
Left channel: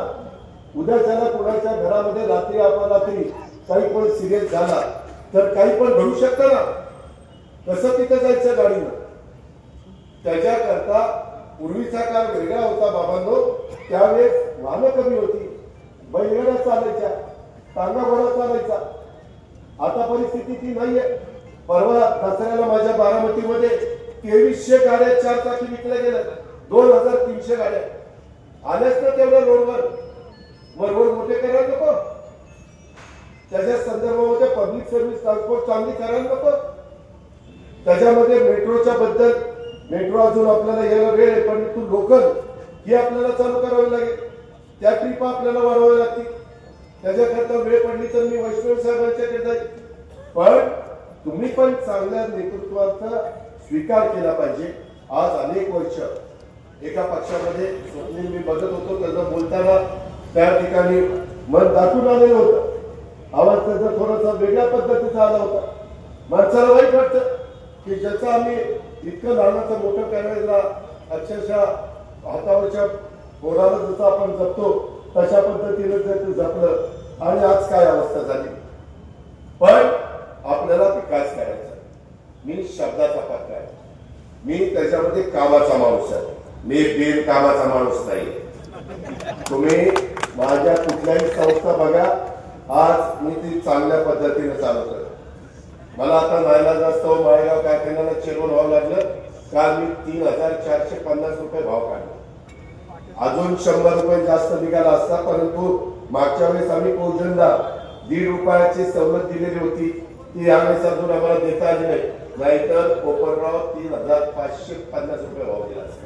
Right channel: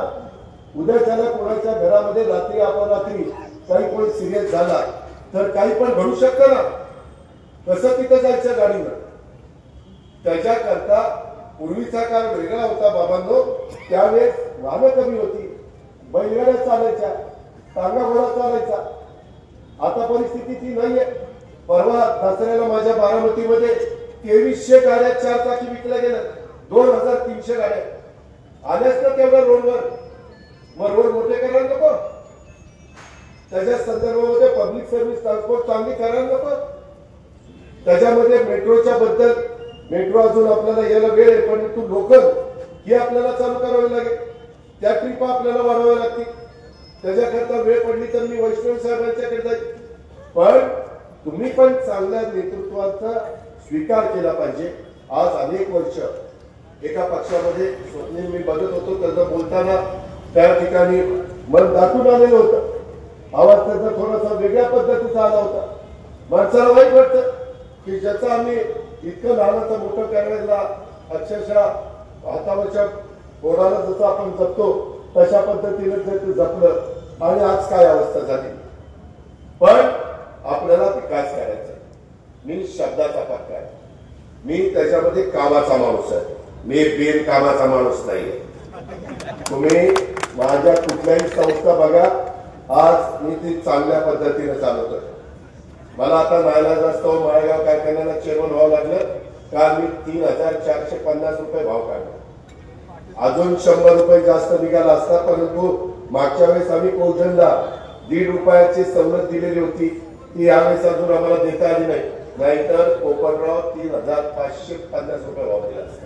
उद्याच्याला कोणाच्या घरामध्ये रात्री अपरात्री काही पण सिरियस झाला तर काही पण घडू शकतं ना. कसं तिथं जायचं गाडीवर? त्याच्याकरता पूर्वीचा काळ वेगळा होता बाबांनो. त्यावेळेस वाहनं कमी होती, बैलगाड्या चालायच्या, टांगा घोडा चालायचा. आता परिस्थिती ती नाहीये. परवा दसऱ्याला माझ्या बारामतीमध्ये 2300 गाड्या 4 चाकी विकल्या गेल्या, 2300 गाड्या आल्याच ना तेवढ्या रोडवर. मग रोड मोठे करायला नको? त्याच्या संदर्भामध्ये पब्लिक सर्व्हिस ट्रान्सपोर्ट चांगली करायला नको? त्याच्यामध्ये मेट्रोच्या बद्दल, मेट्रो अजून आपल्याला यायला वेळ आहे, परंतु लोकल ही आपल्याला चालू करावी लागेल. त्या ट्रिपा आपल्याला वाढवाव्या लागतील. त्याच्याकरता वेळ पडली तर मी वैष्णवी साहेबांच्याकडे जाईल. पण तुम्ही पण चांगल्या नेतृत्वाचा स्वीकार केला पाहिजे. आज अनेक वर्ष एका पक्षामध्ये स्वप्नील मी बघत होतो, त्याचं बोलताना त्या ठिकाणी मन दाटून आलेलं होतं. आवाज त्याचा थोडासा वेगळ्या पद्धतीचा आला होता. माणसाला वाईट वाटतं की ज्याचं आम्ही इतकं लहानाचं मोठं करायला अक्षरशः हातावरच्या पोराला जसं आपण जपतो तशा पद्धतीने जर ते जपलं आणि आज काय अवस्था झाली. पण आपल्याला विकास करायचा. मी शब्दाचा पक्का आहे. मी त्याच्यामध्ये कामाचा माणूस आहे. मी बिनकामाचा माणूस नाही. तुम्ही माझ्या कुठल्याही संस्था बघा, आज मी ती चांगल्या पद्धतीने चालवतोय. मला आता नाईलाज असतो माळेगाव कारखान्याला चेअरमन व्हावं लागलं. काल मी 3,450 रुपये भाव काढला. अजून 100 रुपये जास्त निघाला असता, परंतु मागच्या वेळेस आम्ही कोजनला 1.5 रुपयाची सवलत दिलेली होती. ती यावेळेस अजून आम्हाला देता आली नाही. नाहीतर कोपरराव 3,550 रुपये भाव दिला असता.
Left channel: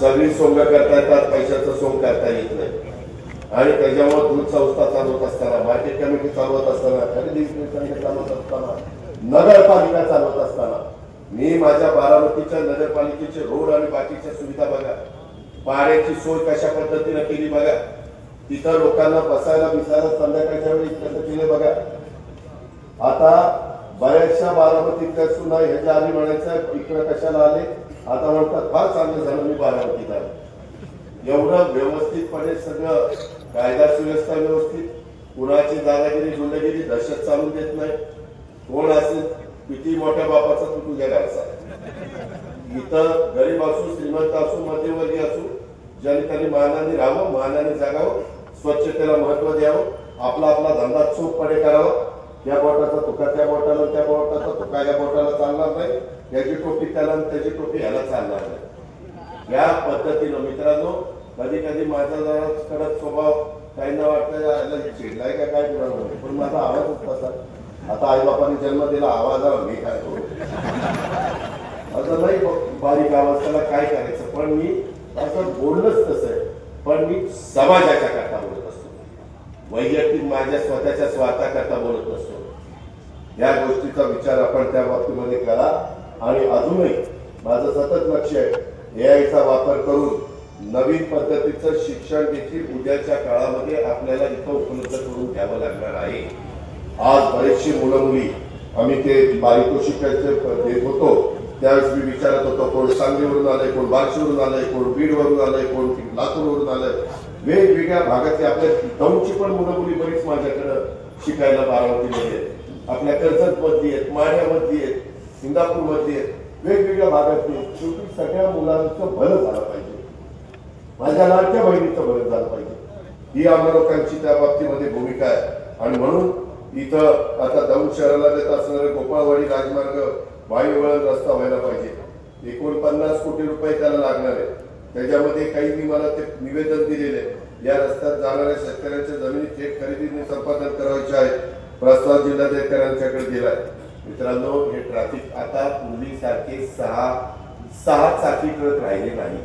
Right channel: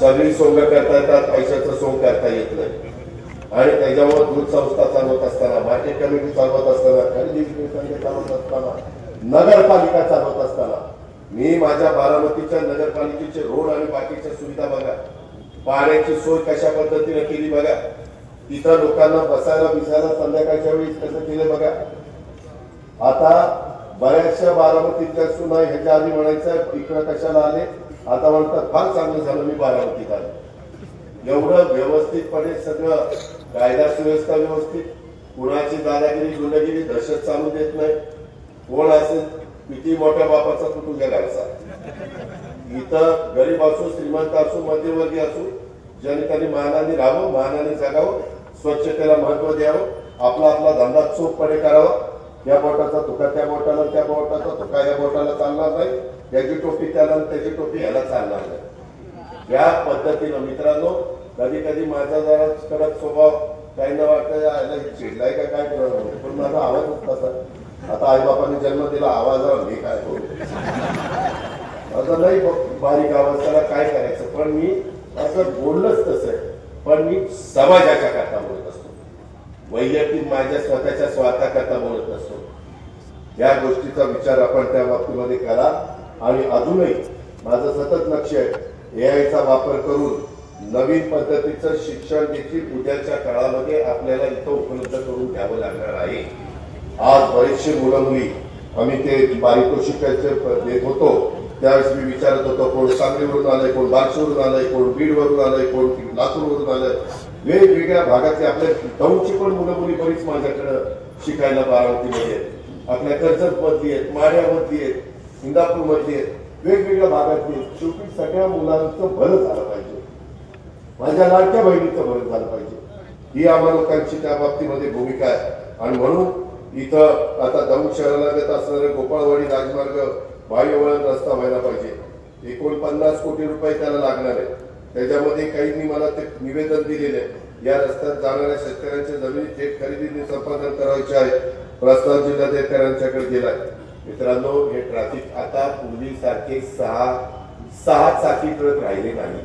सगळी सोंग करता येतात, पैशाचं सोंग करता येत नाही. आणि त्याच्यामुळे दूध संस्था चालवत असताना, मार्केट कमिटी चालवत असताना, खरेदी विक्री चालवत असताना, नगरपालिका चालवत असताना मी माझ्या बारामतीच्या नगरपालिकेचे रोड आणि बाकीच्या सुविधा बघा, पाण्याची सोय कशा पद्धतीने केली बघा, तिथं लोकांना बसायला बिसायला संध्याकाळच्या वेळी कसं केले बघा. आता बऱ्याचशा बारामतीतल्या सुद्धा ह्याच्या आधी म्हणायचं इकडं कशाला आले, आता म्हणतात फार चांगलं झालं मी बारामतीत आलो. एवढं व्यवस्थितपणे सगळं कायदा सुव्यवस्था व्यवस्थित, कुणाची दादागिरी गुंडगिरी दहशत चालू देत नाही. कोण असेल किती मोठ्या बापाचा तू तुझ्या घरचा. इथं गरीब असो श्रीमंत असो मध्यमवर्गीय असो, ज्यांनी त्यांनी मानाने राहावं, मानाने जगावं, स्वच्छतेला महत्व द्यावं, आपला आपला धंदा चोखपणे करावा. या बोटाचा तुका त्या बोटाला, त्या बोटाचा तुका या बोटाला चालणार नाही. याची टोपी त्याला, त्याची टोपी याला चालणार नाही. या पद्धतीनं मित्रांनो, कधी कधी माझा जरा कडक स्वभाव काहींना वाटतं याला चिडलाय का काय करायला, पण माझा आवाजच तसा. आता आईबापाने जन्म दिला, आवाजाला मी काय करू, असं नाही बारीक आवाज, त्याला काय करायचं. पण मी असं बोललंच तसं आहे. पण मी समाजाच्या करता बोलत असतो, वैयक्तिक माझ्या स्वतःच्या स्वार्थाकरता बोलत नसतो. या गोष्टीचा विचार आपण त्या बाबतीमध्ये करा. आणि अजूनही माझं सतत लक्ष आहे एआयचा वापर करून नवीन पद्धतीचं शिक्षण देखील उद्याच्या काळामध्ये आपल्याला इथं उपलब्ध करून द्यावं लागणार आहे. आज बरेचसे मुलं मुली आम्ही ते पारितोषिकाचे देत होतो, त्यावेळेस मी विचारत होतो कोण सांगलीवरून आलंय, कोण बार्शीवरून आलंय, कोण बीडवरून आलंय, कोण लातूरवरून आलंय. वेगवेगळ्या भागातली आपल्या दौंडची पण मुलं मुली बरीच माझ्याकडे शिकायला बारामतीमध्ये, आपल्या कर्जत मधली आहेत, माढ्यामधली आहेत, इंदापूर मधली आहेत, वेगवेगळ्या भागातली. शेवटी सगळ्या मुलांचं भलं झालं पाहिजे, माझ्या लाडक्या बहिणीचं भलं झालं पाहिजे, ही आम्हा लोकांची त्या बाबतीमध्ये भूमिका आहे. आणि म्हणून इथं आता दौंड शहराला देत असणारे गोपाळवाडी राजमार्ग वायुवळण रस्ता व्हायला पाहिजे. 49 कोटी रुपये त्याला लागणार आहे. त्याच्यामध्ये काहींनी मला ते निवेदन दिलेले आहे, या रस्त्यात जाणाऱ्या शेतकऱ्यांच्या जमिनी थेट खरेदीने संपादन करायचे आहे. प्रस्ताव जिल्हाधिकाऱ्यांच्याकडे दिलाय. मित्रांनो, हे ट्रॅफिक आता पूर्वीसारखे सहा चाकी ट्रक राहिले नाही.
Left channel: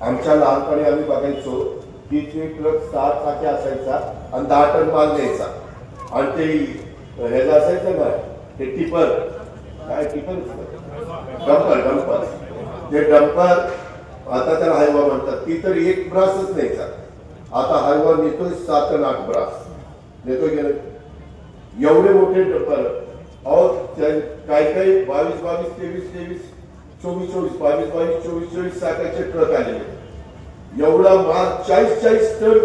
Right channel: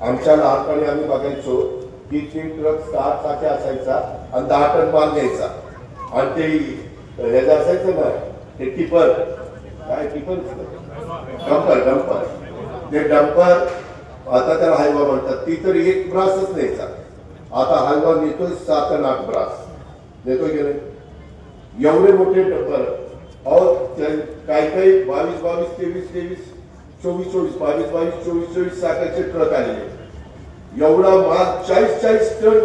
आमच्या लहानपणी आम्ही बघायचो की ते ट्रक 6 चाकी असायचा आणि 10 टन माल न्यायचा. आणि ते ह्याचं असायचं ना, ते टिपर, काय टिपर, डंपर, ते डंपर आता त्याला हायवा म्हणतात. ती तर 1 ब्रासच न्यायचा. आता हायवा नेतोय 7 आणि 8 ब्रास नेतोय. एवढे मोठे डंपर. काही काही 22, 23, 24, 22, चाकाचे ट्रक आलेले. एवढा माल 40 टन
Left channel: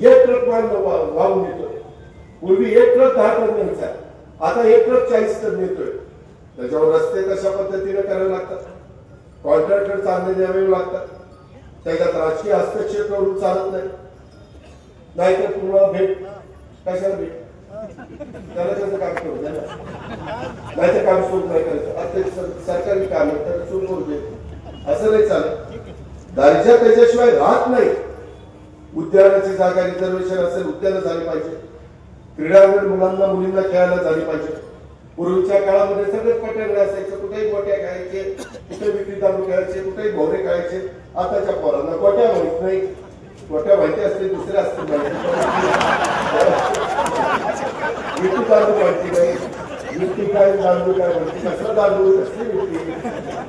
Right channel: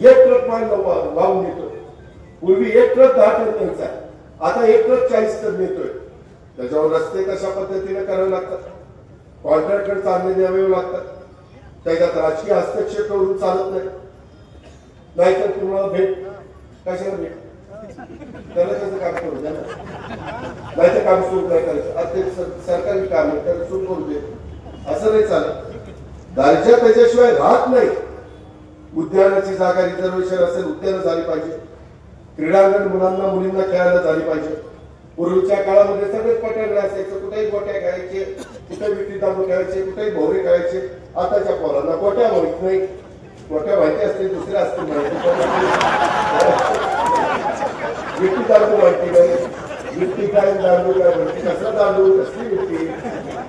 एक ट्रक माल वाहून नेतोय. पूर्वी एक ट्रक 10 टन न्यायचा, आता एक ट्रक 40 टन नेतोय. त्याच्यावर रस्ते कशा पद्धतीने करावे लागतात, कॉन्ट्रॅक्टर चांगले द्यावे लागतात. त्याच्यात राजकीय हस्तक्षेप करून चालत नाही. नाहीतर तुम्हाला भेट कशाला भेट, त्याला कसं काम करू द्या ना, नाहीतर काम सुरू नाही करायचं. आता सरकारी काम आहे त्याला सुरू करू दे, असं नाही चालत. दर्जा त्याच्याशिवाय राहत नाही. उद्यानाची जागा रिझर्वेशन असेल, उद्यानं झाली पाहिजे. क्रीडांगण मुलांना मुलींना खेळायला झाली पाहिजे. पूर्वीच्या काळामध्ये सगळेच पट्याकडे असायचं, कुठेही गोट्या खेळायचे, कुठे विटी दांडू खेळायचे, कुठेही भोवरे खेळायचे. आताच्या पोरांना गोट्या माहित नाही. गोट्या माहिती असते दुसऱ्या असते माहिती, विटी दांडू माहिती नाही. विटी काय दांडू काय माहिती, कसं दांडू कसली विटी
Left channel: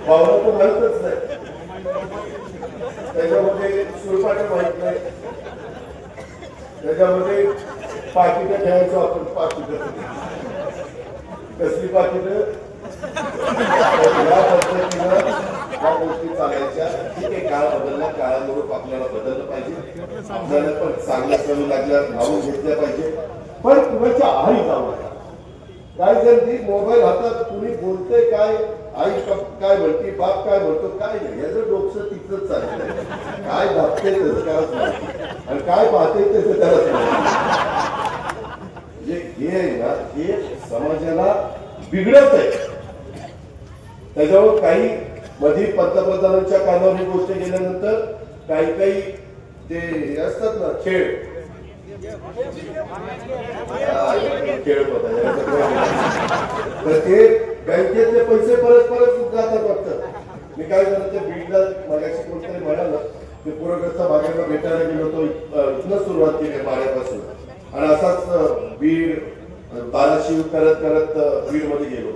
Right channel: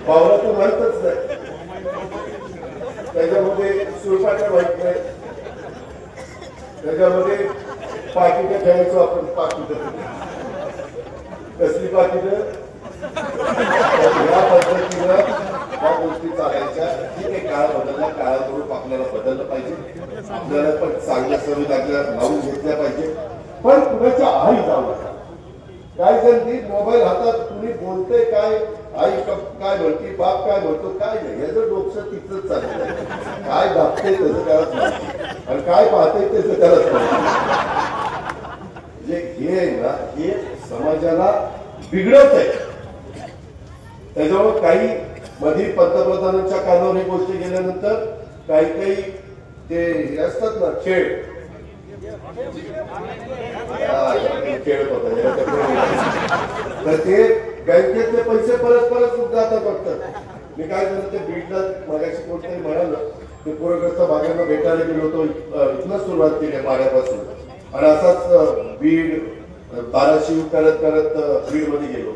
भावना तर माहितच नाही. त्याच्यामध्ये सुरपाट्या माहित नाही. त्याच्यामध्ये पाकिटं ठेवायचो आपण. पाकिटं कसली पाकिटं? या पद्धतीनं त्या गोष्टी चालायच्या. ठीक आहे, काळ बदलला, काळानुरूप आपल्याला बदललं पाहिजे. आपल्याला पण चांगल्या सवयी लावून घेतल्या पाहिजे. पण कुणाच्या आई जाऊ नका. काय जण ती मोबाईल हातात, कुणी बोलतंय काय, आई काय म्हणते, बाप काय म्हणतो, काय नाही, याचं डोकं तिथंच चाललंय. काय दाबते त्याचं त्यालाच माहिती आणि काय पाहते त्याचं त्यालाच माहिती. म्हणजे हे आहे ना, हे समाजाला बिघडत आहे. त्याच्यावर काही मध्ये पंतप्रधानांच्या कानावर ही गोष्ट गेल्यानंतर काही ते असतात ना खेळ तर ते बँकेतले पैसे परत जातात वाटतं. मी काय झालं, ते बीडला माझ्याशी कोणतरी म्हणालं, ते पूरग्रस्त भागांना भेटायला गेलो होतो. इथनं सुरुवात केली पाण्यापासून आणि असाच बीड बाराशिव करत बीड मध्ये गेलो.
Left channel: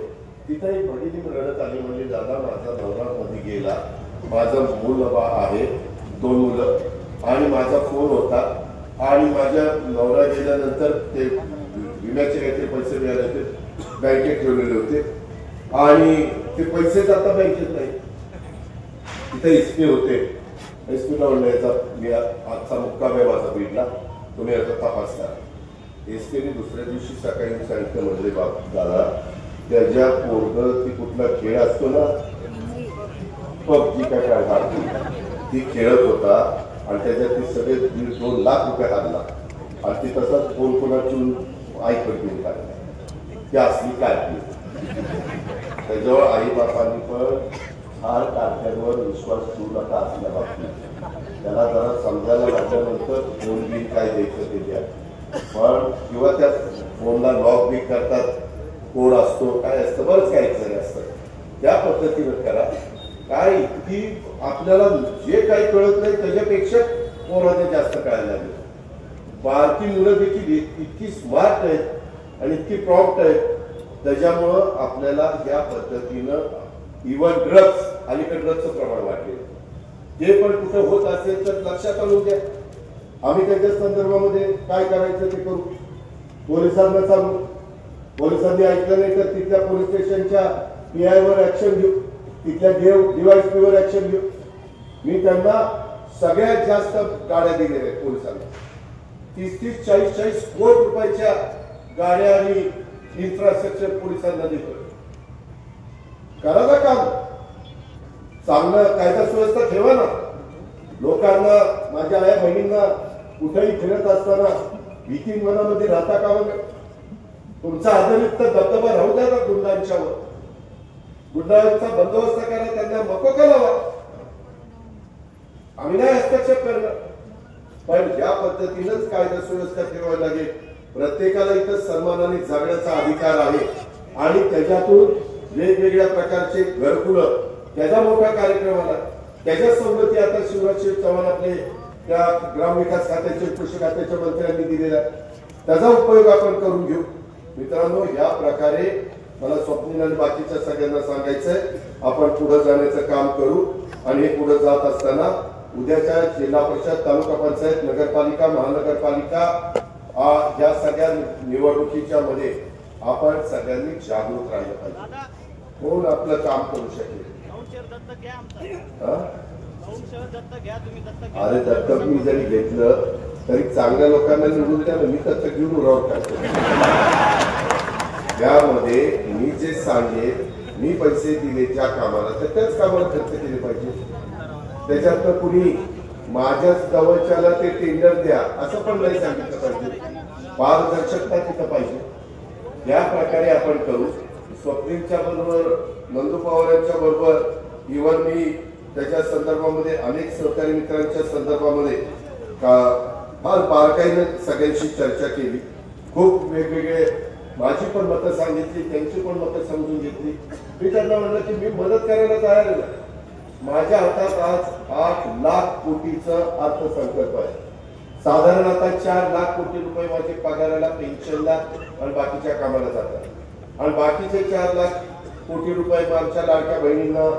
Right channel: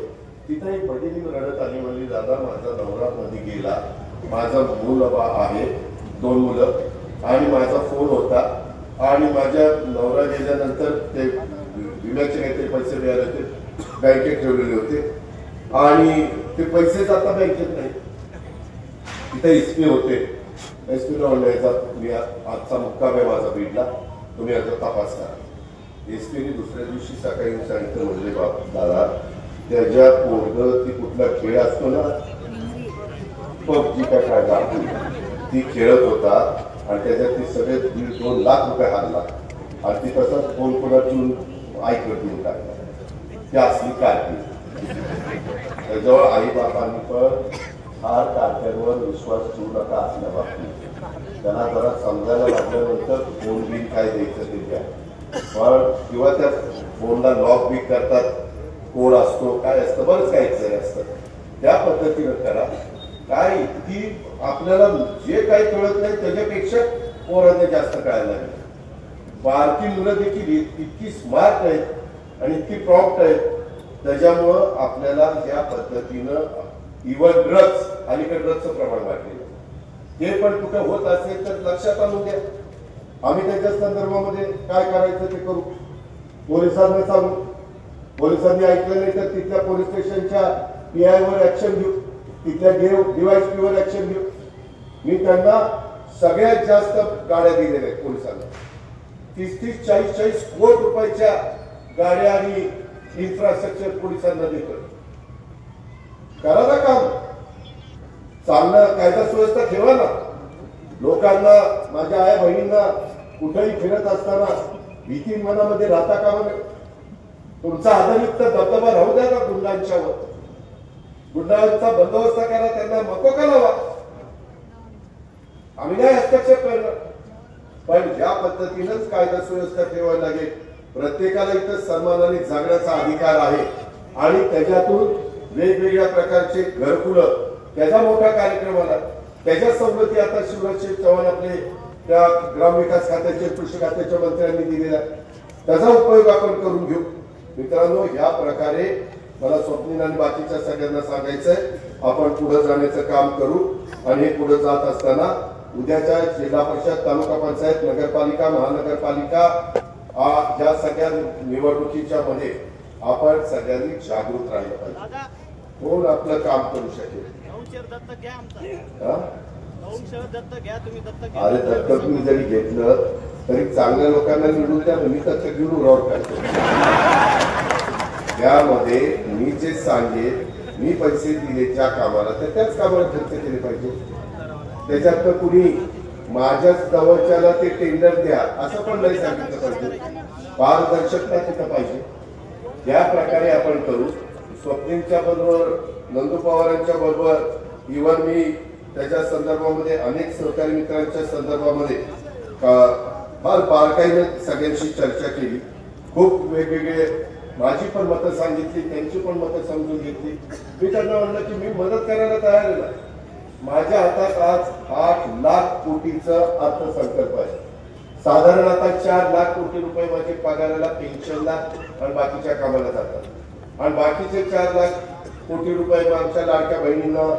तिथं एक भगिनी रडत आली, म्हणली दादा माझा नवरा मध्ये गेला, माझं मूल आहे, 2 मुलं आणि माझा फोन होता आणि माझ्या नवरा गेल्यानंतर ते विम्याचे काहीतरी पैसे मिळाले होते, बँकेत ठेवलेले होते आणि ते पैसेच आता बँकेत नाही. तिथे एसपी होते. एसपीला म्हणलं याचा मी आजचा मुक्काम आहे माझा बीडला, तुम्ही याचा तपास करा. एसपीने दुसऱ्या दिवशी सकाळी सांगितलं, म्हणजे बाप दादा त्याच्या पोरग ती कुठला खेळ असतो ना, पबजी काय ती खेळत होता आणि त्याच्यात ते सगळे 1.5-2 लाख रुपये हारला आणि ती तसंच फोन कोणाची ऐकून टाकला. ती असली काय त्याच्यावर आई बापांनी पण हार कारख्यांवर विश्वास ठेवू नका असल्या बाबतीत. त्याला जरा समजायला लागल्यानंतर फोन बिल काय द्यायचं ते द्या. पण किंवा त्या फोनला लॉक बिक करतात, कोड असतो, काय असतं, बरंच काही असतं, त्या पद्धतीनं करा. काय की आपल्याला जे काही कळत नाही त्याच्यापेक्षा पोरांना जास्त कळायला लागेल. बारकी मुलं देखील इतकी स्मार्ट आहेत आणि इतकी प्रॉम्प्ट आहेत, त्याच्यामुळं आपल्याला या पद्धतीनं इव्हन ड्रग्स, अलीकडे ड्रग्सचं प्रमाण वाढलेलं, ते पण कुठं होत असेल तर लक्षात आणून द्या. आम्ही त्याच्या संदर्भामध्ये काय करायचं ते करू. पोलिसांना सांगू, पोलिसांनी ऐकलं नाही तर तिथल्या पोलीस स्टेशनच्या PI वर ऍक्शन घेऊ, तिथल्या DYSP वर ऍक्शन घेऊ. मी त्यांना सगळ्यात जास्त गाड्या दिलेल्या आहेत पोलिसांना. 30-40 कोटी रुपयाच्या गाड्या आणि इन्फ्रास्ट्रक्चर पोलिसांना देतो. करा ना काम, चांगलं कायदा सुव्यवस्था ठेवा ना. लोकांना, माझ्या आई बहिणींना कुठेही फिरत असताना भीती मनामध्ये राहता कामा नये. तुमचा आदरयुक्त दबदबा राहू द्या का गुंडांच्यावर. गुंडांचा बंदोबस्त करा, त्यांना मकोका लावा. आम्ही नाही हस्तक्षेप करणार, पण ज्या पद्धतीनंच कायदा सुव्यवस्था ठेवायला लागेल. प्रत्येकाला इथं सन्मानाने जगण्याचा अधिकार आहे आणि त्याच्यातून वेगवेगळ्या प्रकारचे घरकुलं, त्याचा मोठा कार्यक्रम आला, त्याच्या सवलती आता शिवराज चव्हाण आपले त्या ग्रामविकास खात्याचे, कृषी खात्याच्या मंत्र्यांनी दिलेला, त्याचा उपयोग आपण करून घेऊ. मित्रांनो, या प्रकारे मला स्वप्नील आणि बाकीच्या सगळ्यांना सांगायचंय, आपण पुढे जाण्याचं काम करू. आणि हे पुढे जात असताना उद्याच्या जिल्हा परिषद, तालुका पंचायत, नगरपालिका, महानगरपालिका या सगळ्या निवडणुकीच्या मध्ये आपण सगळ्यांनी जागृत राहिलं पाहिजे. कोण आपलं काम करू शकेल. अरे दत्तक मी जरी घेतलं तरी चांगल्या लोकांना निवडून द्या, मी दत्तक घेऊन उराव काढतो. यामध्ये मी जे सांगेन, मी पैसे दिले ज्या कामाला तर त्याच कामाला खर्च केले पाहिजे. त्याच्यात कुणी माझ्याच जवळच्याला ते टेंडर द्या असं पण नाही सांगितलं पाहिजे. पारदर्शकता तिथं पाहिजे. या प्रकारे आपण करू. स्वप्नीलच्या बरोबर, नंदू पवारांच्या बरोबर, इव्हन मी त्याच्या संदर्भामध्ये अनेक सहकारी मित्रांच्या संदर्भामध्ये फार बारकाईने सगळ्यांशी चर्चा केली. खूप वेगवेगळे माझी पण मतं सांगितली, त्यांची पण मतं समजून घेतली. मी त्यांना म्हणलं की मी मदत करायला तयार आहे. माझ्या हातात आज 8 लाख कोटीचं अर्थसंकल्प आहे. साधारण आता 4 लाख कोटी रुपये माझे पगाराला, पेन्शनला आणि बाकीच्या कामाला जातात आणि बाकीचे 4 लाख कोटी रुपये आमच्या लाडक्या बहिणींना,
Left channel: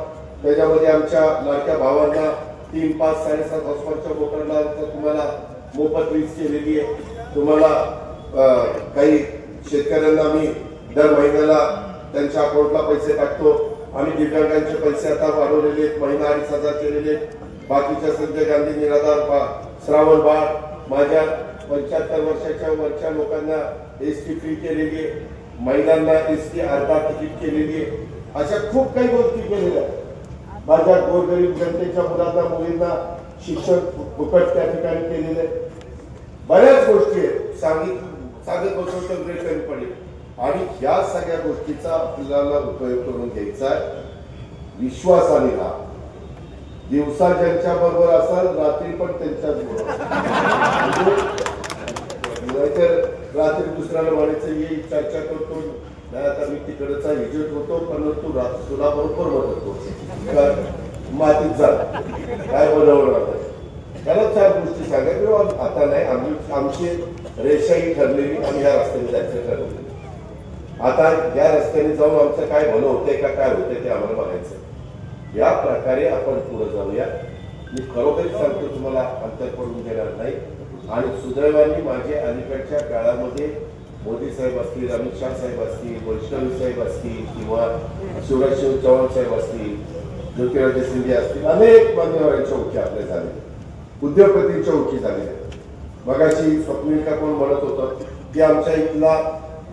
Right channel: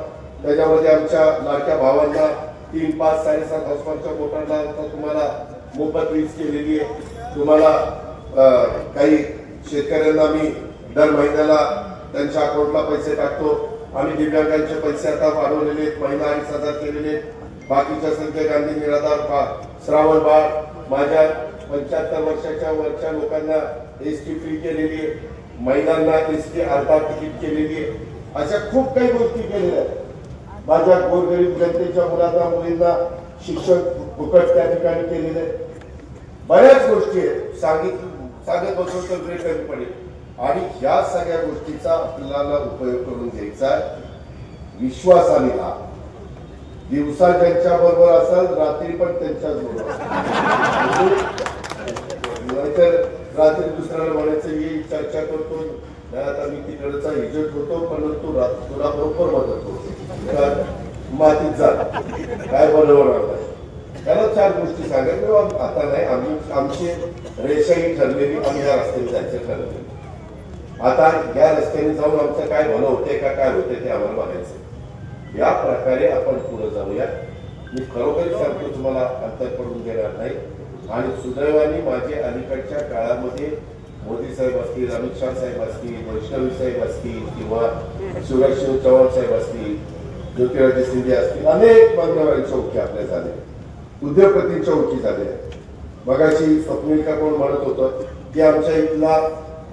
त्याच्यामध्ये आमच्या लाडक्या भावांना 3, 5, 7.5 हॉर्सपावरच्या मोटरला तुम्हाला मोफत वीज केलेली आहे. तुम्हाला काही शेतकऱ्यांना आम्ही दर महिन्याला त्यांच्या अकाउंटला पैसे टाकतो. आम्ही दिव्यांगांचे पैसे आता वाढवलेले आहेत, महिना 2,500 केलेले आहेत. बाकीच्या संजय गांधी निराधार, श्रावण बाळ, माझ्या 75 वर्षाच्या वरच्या लोकांना एसटी फ्री केलेली आहे, महिलांना एसटी अर्धा तिकीट केलेली आहे. अशा खूप काही गोष्टी केलेल्या आहेत. माझ्या गोरगरीब जनतेच्या मुलांना मुलींना शिक्षण फुकट त्या ठिकाणी केलेलं आहे. बऱ्याच गोष्टी आहेत, सांगत बसलो तर वेळ कमी पडेल. आणि ह्या सगळ्या गोष्टीचा आपल्याला उपयोग करून घ्यायचा आहे. विश्वासाने राहा. दिवसा ज्यांच्या बरोबर असाल, रात्री पण त्यांच्याच बरोबर. नाहीतर रात्री दुसऱ्याला म्हणायचं ये चर्चा करतो, नाही आता मी तिकडचा एजंट होतो, पण तुला बरोबर मदत करतो, मातीत जा, काय बरोबर. त्याला 4 गोष्टी सांगायच्या. आता नाही, आमची रेषाही ठरलेली, आम्ही या रस्त्याने जायचं ठरवलं. आता या रस्त्याने जाऊन आमचं काय भलं होतंय का काय होतंय ते आम्हाला बघायचं. या प्रकारे आपण पुढे जाऊया. मी खरोखर सांगतो, तुम्हाला अंतर पडून देणार नाही. आणि सुदैवाने माझे अलीकडच्या काळामध्ये मोदी साहेब असतील, अमित शाह साहेब असतील, वैष्णवी साहेब असतील, किंवा शिवराज सिंग चौहान साहेब असतील, ज्योतिरादित्य सिंधिया असतील, अनेक मान्यवरांच्या ओळखी आपल्या झाल्या, उद्योगपतींच्या ओळखी झाल्या. मगाशी स्वप्नील का कोण म्हणत होतं की आमच्या इथला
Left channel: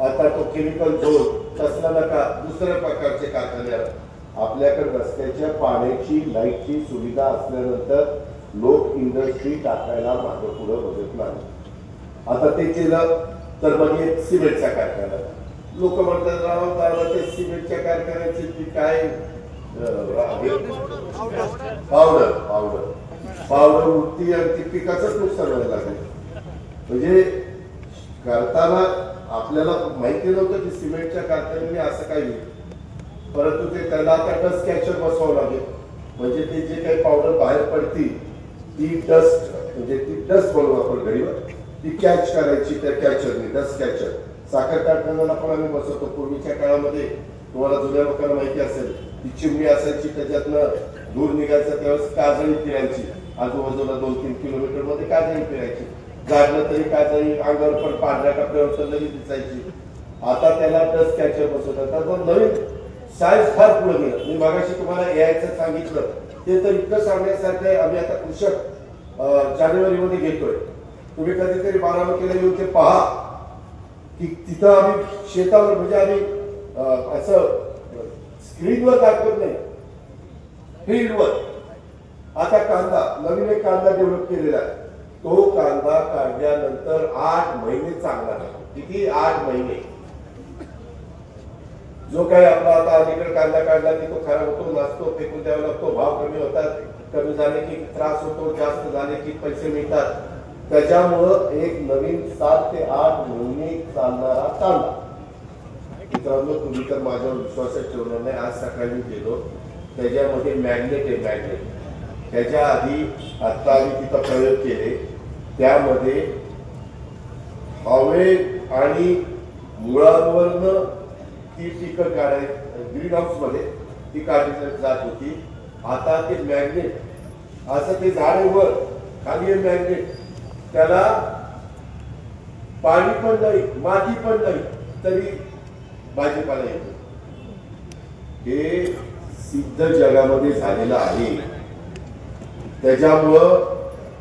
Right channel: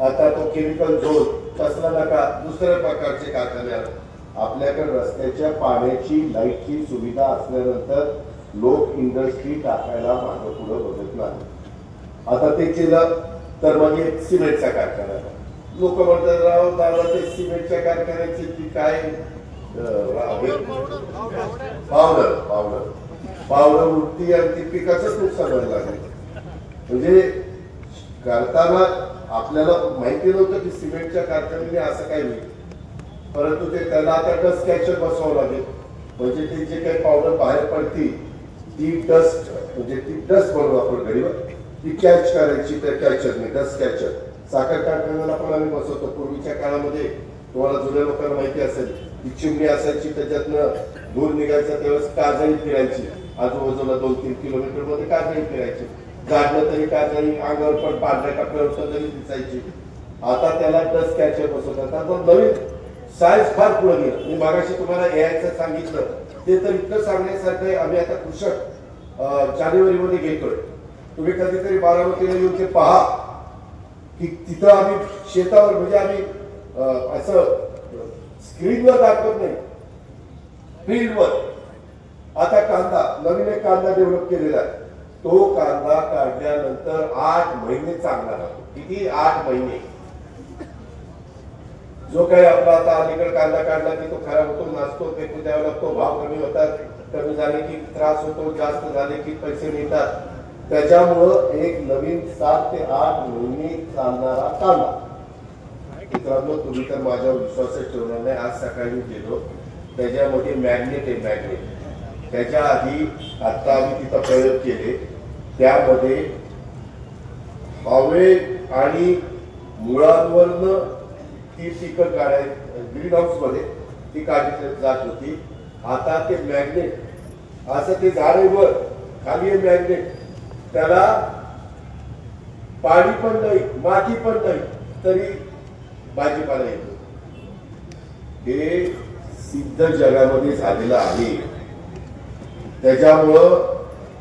आता तो केमिकल झोन तसला नका, दुसऱ्या प्रकारचे कारखाने. आपल्याकडे रस्त्याच्या पाण्याची लाईटची सुविधा असल्यानंतर लोक इंडस्ट्री टाकायला मागं पुढे बघत नाही. आता ते केलं तर मग सिमेंटचा कारखाना. लोक म्हणतात राव दादा ते सिमेंटच्या कारखान्याची ती काय पावडर उडती आणि ती पिकाचंच नुकसान व्हायला लागेल. म्हणजे करताना आपल्याला माहिती नव्हतं की सिमेंटच्या कारखान्याने असं काही होईल. परंतु ते त्याला आता डस्ट कॅचर बसवावं लागेल. म्हणजे ते जे काही पावडर बाहेर पडती ती डस्ट, म्हणजे ती डस्ट बनवू आपण घडीवर, ती कॅच करायची त्या कॅचरने, डस्ट कॅचर. साखर कारखान्याला पण आम्ही बसवतो. पूर्वीच्या काळामध्ये तुम्हाला जुन्या लोकांना माहिती असेल, ती चिमणी असायची, त्याच्यातनं धूर निघायचं, त्यावेळेस काजळी फिरायची. आजूबाजूला 2-3 किलोमीटर मध्ये काजळी फिरायची. झाडलं तरी काजळी अंगावर पण पांढऱ्या कपड्यावर जरी दिसायची. आता त्याला डस्ट कॅचर बसवतात. आता नवीन सायन्स फार पुढे गेलं. मी मागाशी तुम्हाला एआयचं सांगितलं, ते तर इतकं सांगण्यासारखं आहे. आम्ही आता कृषक जानेवारीमध्ये घेतोय. तुम्ही कधीतरी बारामतीला येऊन ते पहा की तिथं आम्ही शेतावर, म्हणजे आम्ही असं स्क्रीनवर दाखवत नाही, फील्डवर. आता कांदा, नवीन एक कांदा डेव्हलप केलेला आहे. तो कांदा काढल्यानंतर 8 महिने चांगला राहतो. किती? 8 महिने. जो काही आपला आता अलीकडे कांदा काढला की तो खराब होतो, नाचतो, फेकून द्यावा लागतो, भाव कमी होतात, कमी झाले की त्रास होतो, जास्त झाले की पैसे मिळतात. त्याच्यामुळं एक नवीन 7 ते 8 महिने चालणारा कांदा. मित्रांनो, तुम्ही तर माझ्यावर विश्वासच ठेवणार नाही. आज सकाळी गेलो, त्याच्यामध्ये मॅग्नेट आहे, मॅग्नेट. त्याच्या आधी आता आम्ही तिथं प्रयोग केले, त्यामध्ये हवे आणि मुळांवरनं ती पिकं काढायची, ग्रीन हाऊस मध्ये ती काढली जात होती. आता ते मॅग्नेट असं ते झाडेवर खाली मॅग्नेट, त्याला पाणी पण नाही, माती पण नाही, तरी भाजीपाला येतो. हे सिद्ध जगामध्ये झालेलं आहे. त्याच्यामुळं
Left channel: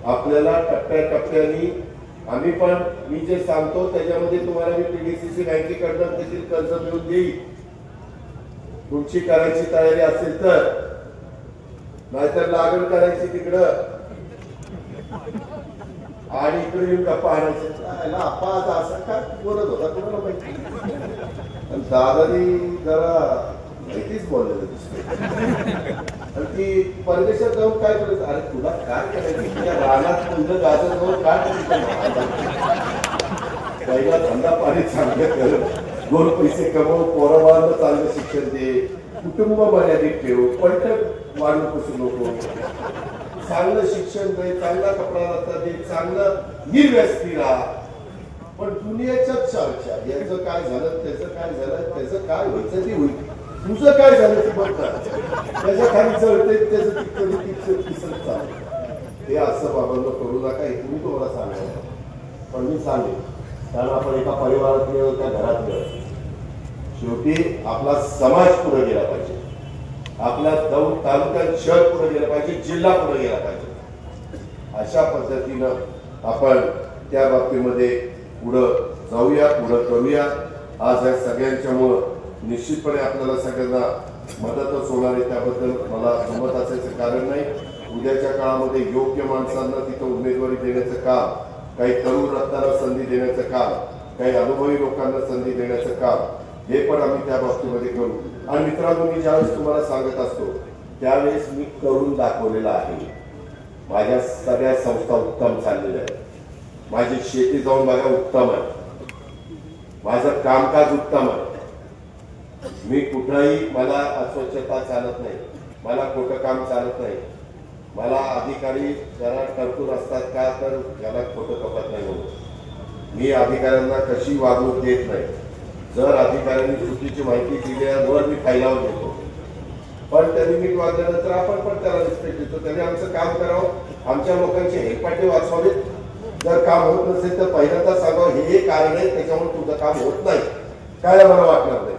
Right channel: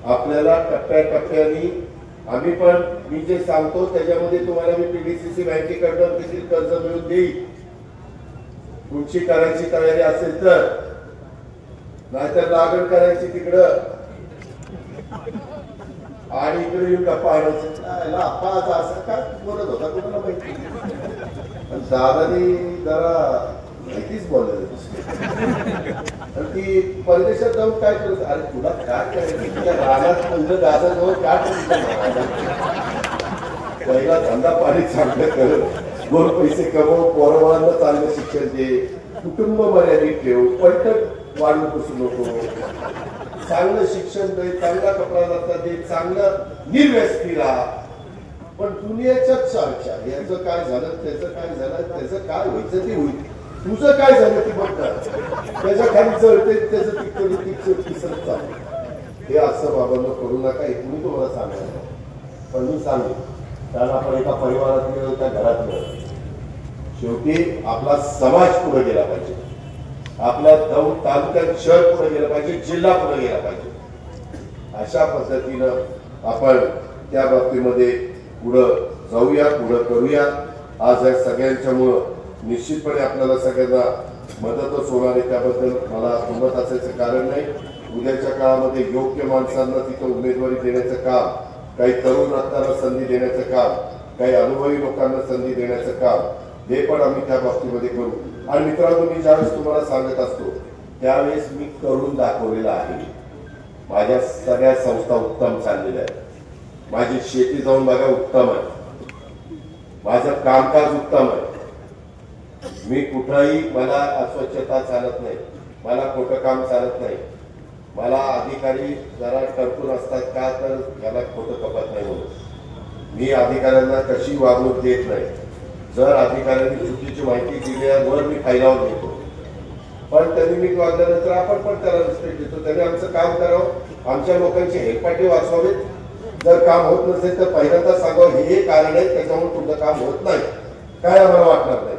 आपल्याला टप्प्याटप्प्याने आम्ही पण, मी जे सांगतो त्याच्यामध्ये तुम्हाला मी पीडीसीसी बँकेकडून देखील कर्ज मिळवून देईल, तुमची करायची तयारी असेल तर. नाहीतर लागण करायची तिकडं आणि इकडे येऊन गप्पा आणायचं. अप्पा असं काय बोलत होता कोणाला माहिती. दादानी जरा माहितीच बोललेलं दिसते. आणि ती परदेशात जाऊन काय करत, अरे तुला काय करायचं, तुझ्या रानात म्हणजे गाजर जाऊन काय करायचं. पहिला धंदा पाणी चांगलं कर, 2 पैसे कमव, पोराबाळांना चांगलं शिक्षण दे, कुटुंब मर्यादित ठेव, पैठक वाढून बसू नको, चांगलं शिक्षण दे, चांगला कपडा लत्ता दे, चांगलं निर्व्यसनी राहा. पण दुनियाच्याच चर्चा, याचं काय झालं, त्याचं काय झालं, त्याचं काय व्हायचं ते होईल, तुझं काय झालं ते बघतात. त्याच्या खाली जळते, त्याचं तिसरं चाललं. हे असं बाबांना करू नका, हे तुम्ही तुम्हाला सांगायला. पण मी सांगेन कारण आपण एका परिवारातले एका घरातले, शेवटी आपला समाज पुढे गेला पाहिजे, आपल्या दौंड तालुक्यात शहर पुढे गेलं पाहिजे, जिल्हा पुढे गेला पाहिजे. अशा पद्धतीनं आपण त्या बाबतीमध्ये पुढं जाऊया, पुढं करूया. आज या सगळ्यांच्यामुळं निश्चितपणे आपल्याला सगळ्यांना मदतच होणार आहे. त्याबद्दल मला दुमत असायचं कारण नाही. उद्याच्या काळामध्ये योग्य माणसांना तिथं उमेदवारी देण्याचं काम, काही तरुण रत्नांना संधी देण्याचं काम, काही अनुभवी लोकांना संधी देण्याचं काम, हे पण आम्ही त्या बाबतीमध्ये करू. आणि मित्रांनो, मी ज्यावेळेस तुम्हाला सांगत असतो त्यावेळेस मी करून दाखवलेलं आहे. माझ्या सगळ्या संस्था उत्तम चाललेल्या आहेत. माझी शेती जाऊन बघा उत्तम आहे. माझं कामकाज उत्तम आहे. मी कुठंही मला अस्वच्छता चालत नाही, मला खोटं काम चालत नाही. मला अधिकारी जरा टरकून असतात का, तर याला खोटं कपत नाही म्हणून मी अधिकाऱ्यांना कशी वागणूक देत नाही. जर अधिकाऱ्यांनी चुकीची माहिती दिल्यावर मी फायलावर घेतो, पण त्यांनी नीट वागल्यानंतर आपण पण त्याला रिस्पेक्ट देतो. त्यांनी आमचं काम करावं, आमच्या लोकांची हेलपाटे वाचवावीत. जर काम होत नसेल तर पहिल्यांदा सांगावं हे कारण आहे, त्याच्यामुळे तुमचं काम होत नाही, काय आम्हाला वाटणार नाही.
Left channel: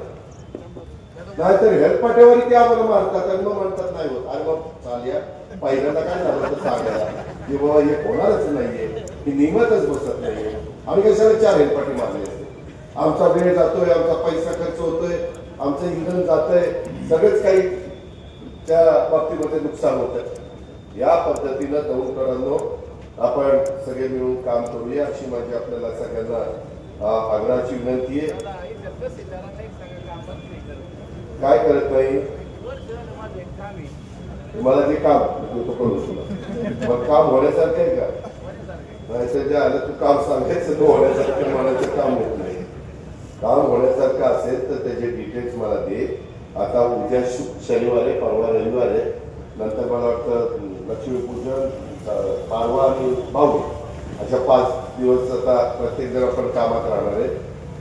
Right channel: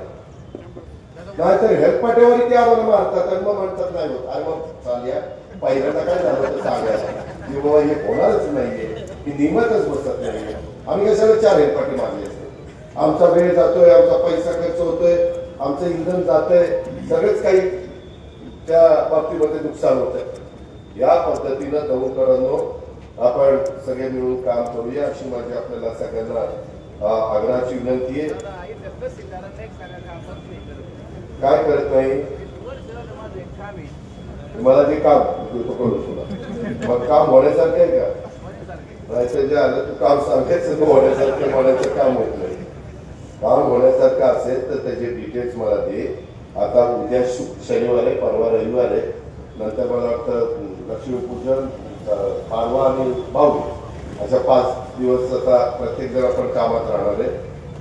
नाहीतर हेलपाटेवरही ते आम्हाला मारतात आणि मग म्हणतात नाही होत. अरे मग चालया पहिल्यांदा काय झालं तर सांगायला की बाबा हे होणारच नाहीये, ही नियमतच बसत नाहीये. आम्ही कशाला 4 हेलपाटे मारले असते. आमचा वेळ जातोय, आमचा पैसा खर्च होतोय, आमचं इंधन जातंय, सगळंच काही त्या बाबतीमध्ये नुकसान होतं. या पद्धतीनं दौंडकरांनो आपण सगळे मिळून काम करूया अशी माझी आपल्याला सगळ्यांना आग्रहाची विनंती आहे. काय करत नाही मला ते काम देतो करू तुला, मग काम होण्यासारखं आहे का? नाहीतर जे आलं तू काम सांगायचं तो होण्यासारखं म्हणायचं काम होत नाही. काम होण्यासारखं असेल तर त्याचे डिटेल्स मला दे. आता उद्या शनिवार आहे, परवा रविवार आहे, नंतर मला वाटतं लक्ष्मीपूजन, पाडवा आणि भाऊबीज अशा 5 दिवस आता प्रत्येक जण आपण कामात राहणार आहे.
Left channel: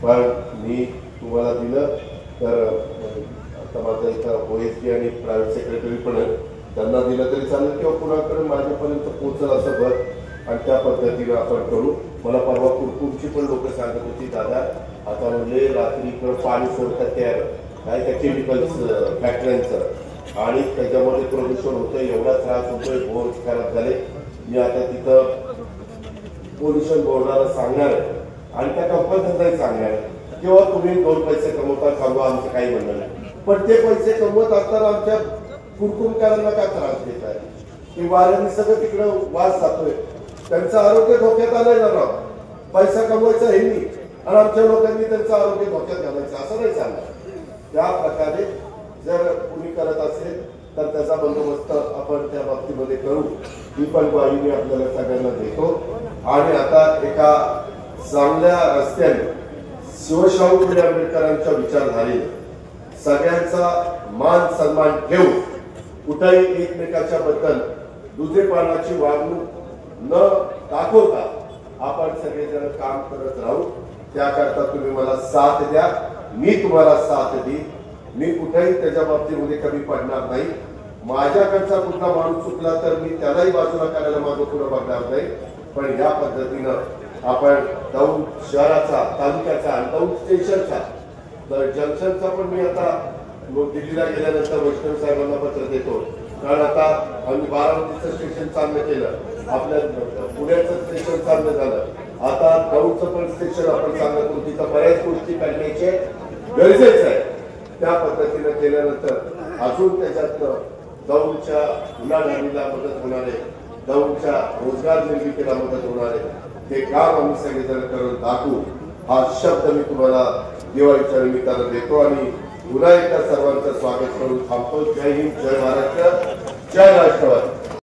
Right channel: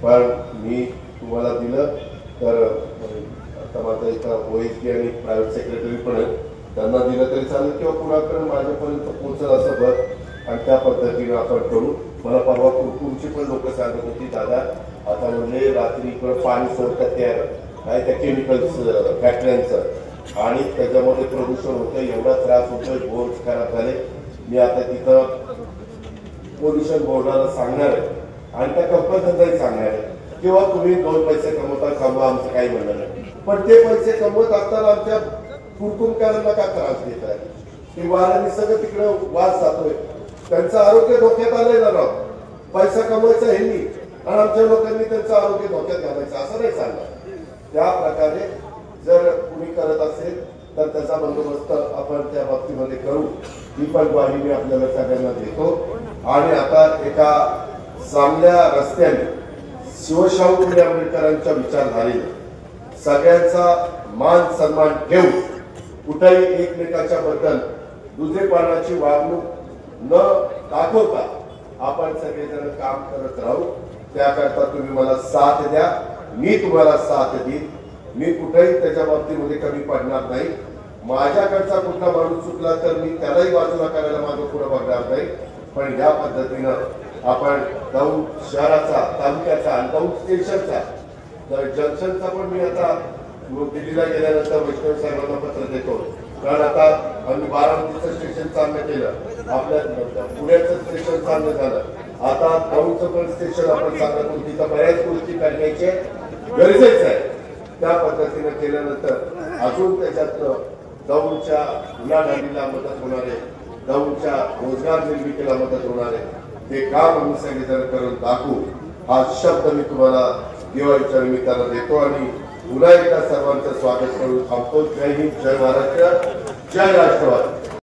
पण मी तुम्हाला दिलं तर आता माझं इथं OSD आणि प्रायव्हेट सेक्रेटरी पण आहे, त्यांना दिलं तरी चालेल किंवा कुणाकडे माझ्यापर्यंत पोहोचल असं बघ आणि त्या पद्धतीनं आपण करू. मला परवा कुरकुरची पण लोक सांगत होती, दादा आता म्हणजे रात्री इकडं पाणी सोडतात त्या काय त्या केमिकल्स फॅक्टऱ्यांचं आणि त्याच्यामध्ये प्रदूषण होतंय, एवढा त्रास होतोय, बोर खराब झाले. मी आता तिथं पोल्युशन बोर्डाला सांगणार आहे आणि त्या कंपन्यांनाही सांगणार आहे किंवा तुम्ही 2 पैसे कमवता कमवा, आमचं काही म्हणणं नाही. पण ते पैसे कमवत असताना आमच्या कुरकुरकरांना का त्रास देत आहे? की वाऱ्याने सगळं तिकडं वास जातोय, त्यांचं आरोग्य धोक्यात आलंय ना. पैसा कमवायचा हे नाही आणि आमच्या लोकांनी त्यांचं आरोग्य धोक्यात घालायचं, असं नाही चालणार. त्या प्रकारे जर कुणी करत असेल तर त्याचा बंदोबस्त आपण त्या बाबतीमध्ये करू, ही पण ग्वाही मी आपल्याला सगळ्यांना देतो. आणि आता एका चांगल्या रस्त्याने शिवशाहू फुले आंबेडकरांच्या विचारधारेने सगळ्यांचा मान सन्मान ठेवून कुठेही एकमेकाच्या बद्दल दुधेपणाची वागणूक न दाखवता आपण सगळेजण काम करत राहू. त्याकरता तुम्ही मला साथ द्या, मी तुम्हाला साथ देईन. मी कुठेही त्याच्या बाबतीमध्ये कमी पडणार नाही. माझ्याकडचा कुठला माणूस चुकला तर मी त्यालाही बाजूला करायला मागं पुढे बघणार नाही. पण या पद्धतीनं आपण दौंड शहराचा, तालुक्याचा आणि दौंड स्टेशनचा तर जंक्शनचा पण मी आता दिल्लीला गेल्यानंतर वैष्णव साहेबांना पत्र देतो. कारण आता आम्ही बारामतीचं स्टेशन चांगलं केलं, आपल्या पुण्याचं स्टेशन चांगलं झालं, आता दौंडचं पण स्टेशन आपण चांगलं करून तिथं बऱ्याच गोष्टी करण्याचे गरजेचं आहे. त्या पद्धतीनं केल्यानंतर अजून त्याच्यातनं दौंडच्या उलाढालीला मदत होणार आहे, दौंडच्या रोजगार निर्मितीला मदत होणार आहे. ते काम आम्ही सगळेजण करून दाखवू, हा शब्द मी तुम्हाला दिवाळीच्या निमित्तानं देतो आणि पुन्हा एकदा सर्वांचं स्वागत करून थांबतो. जय हिंद, जय महाराष्ट्र, जय राष्ट्रवादी.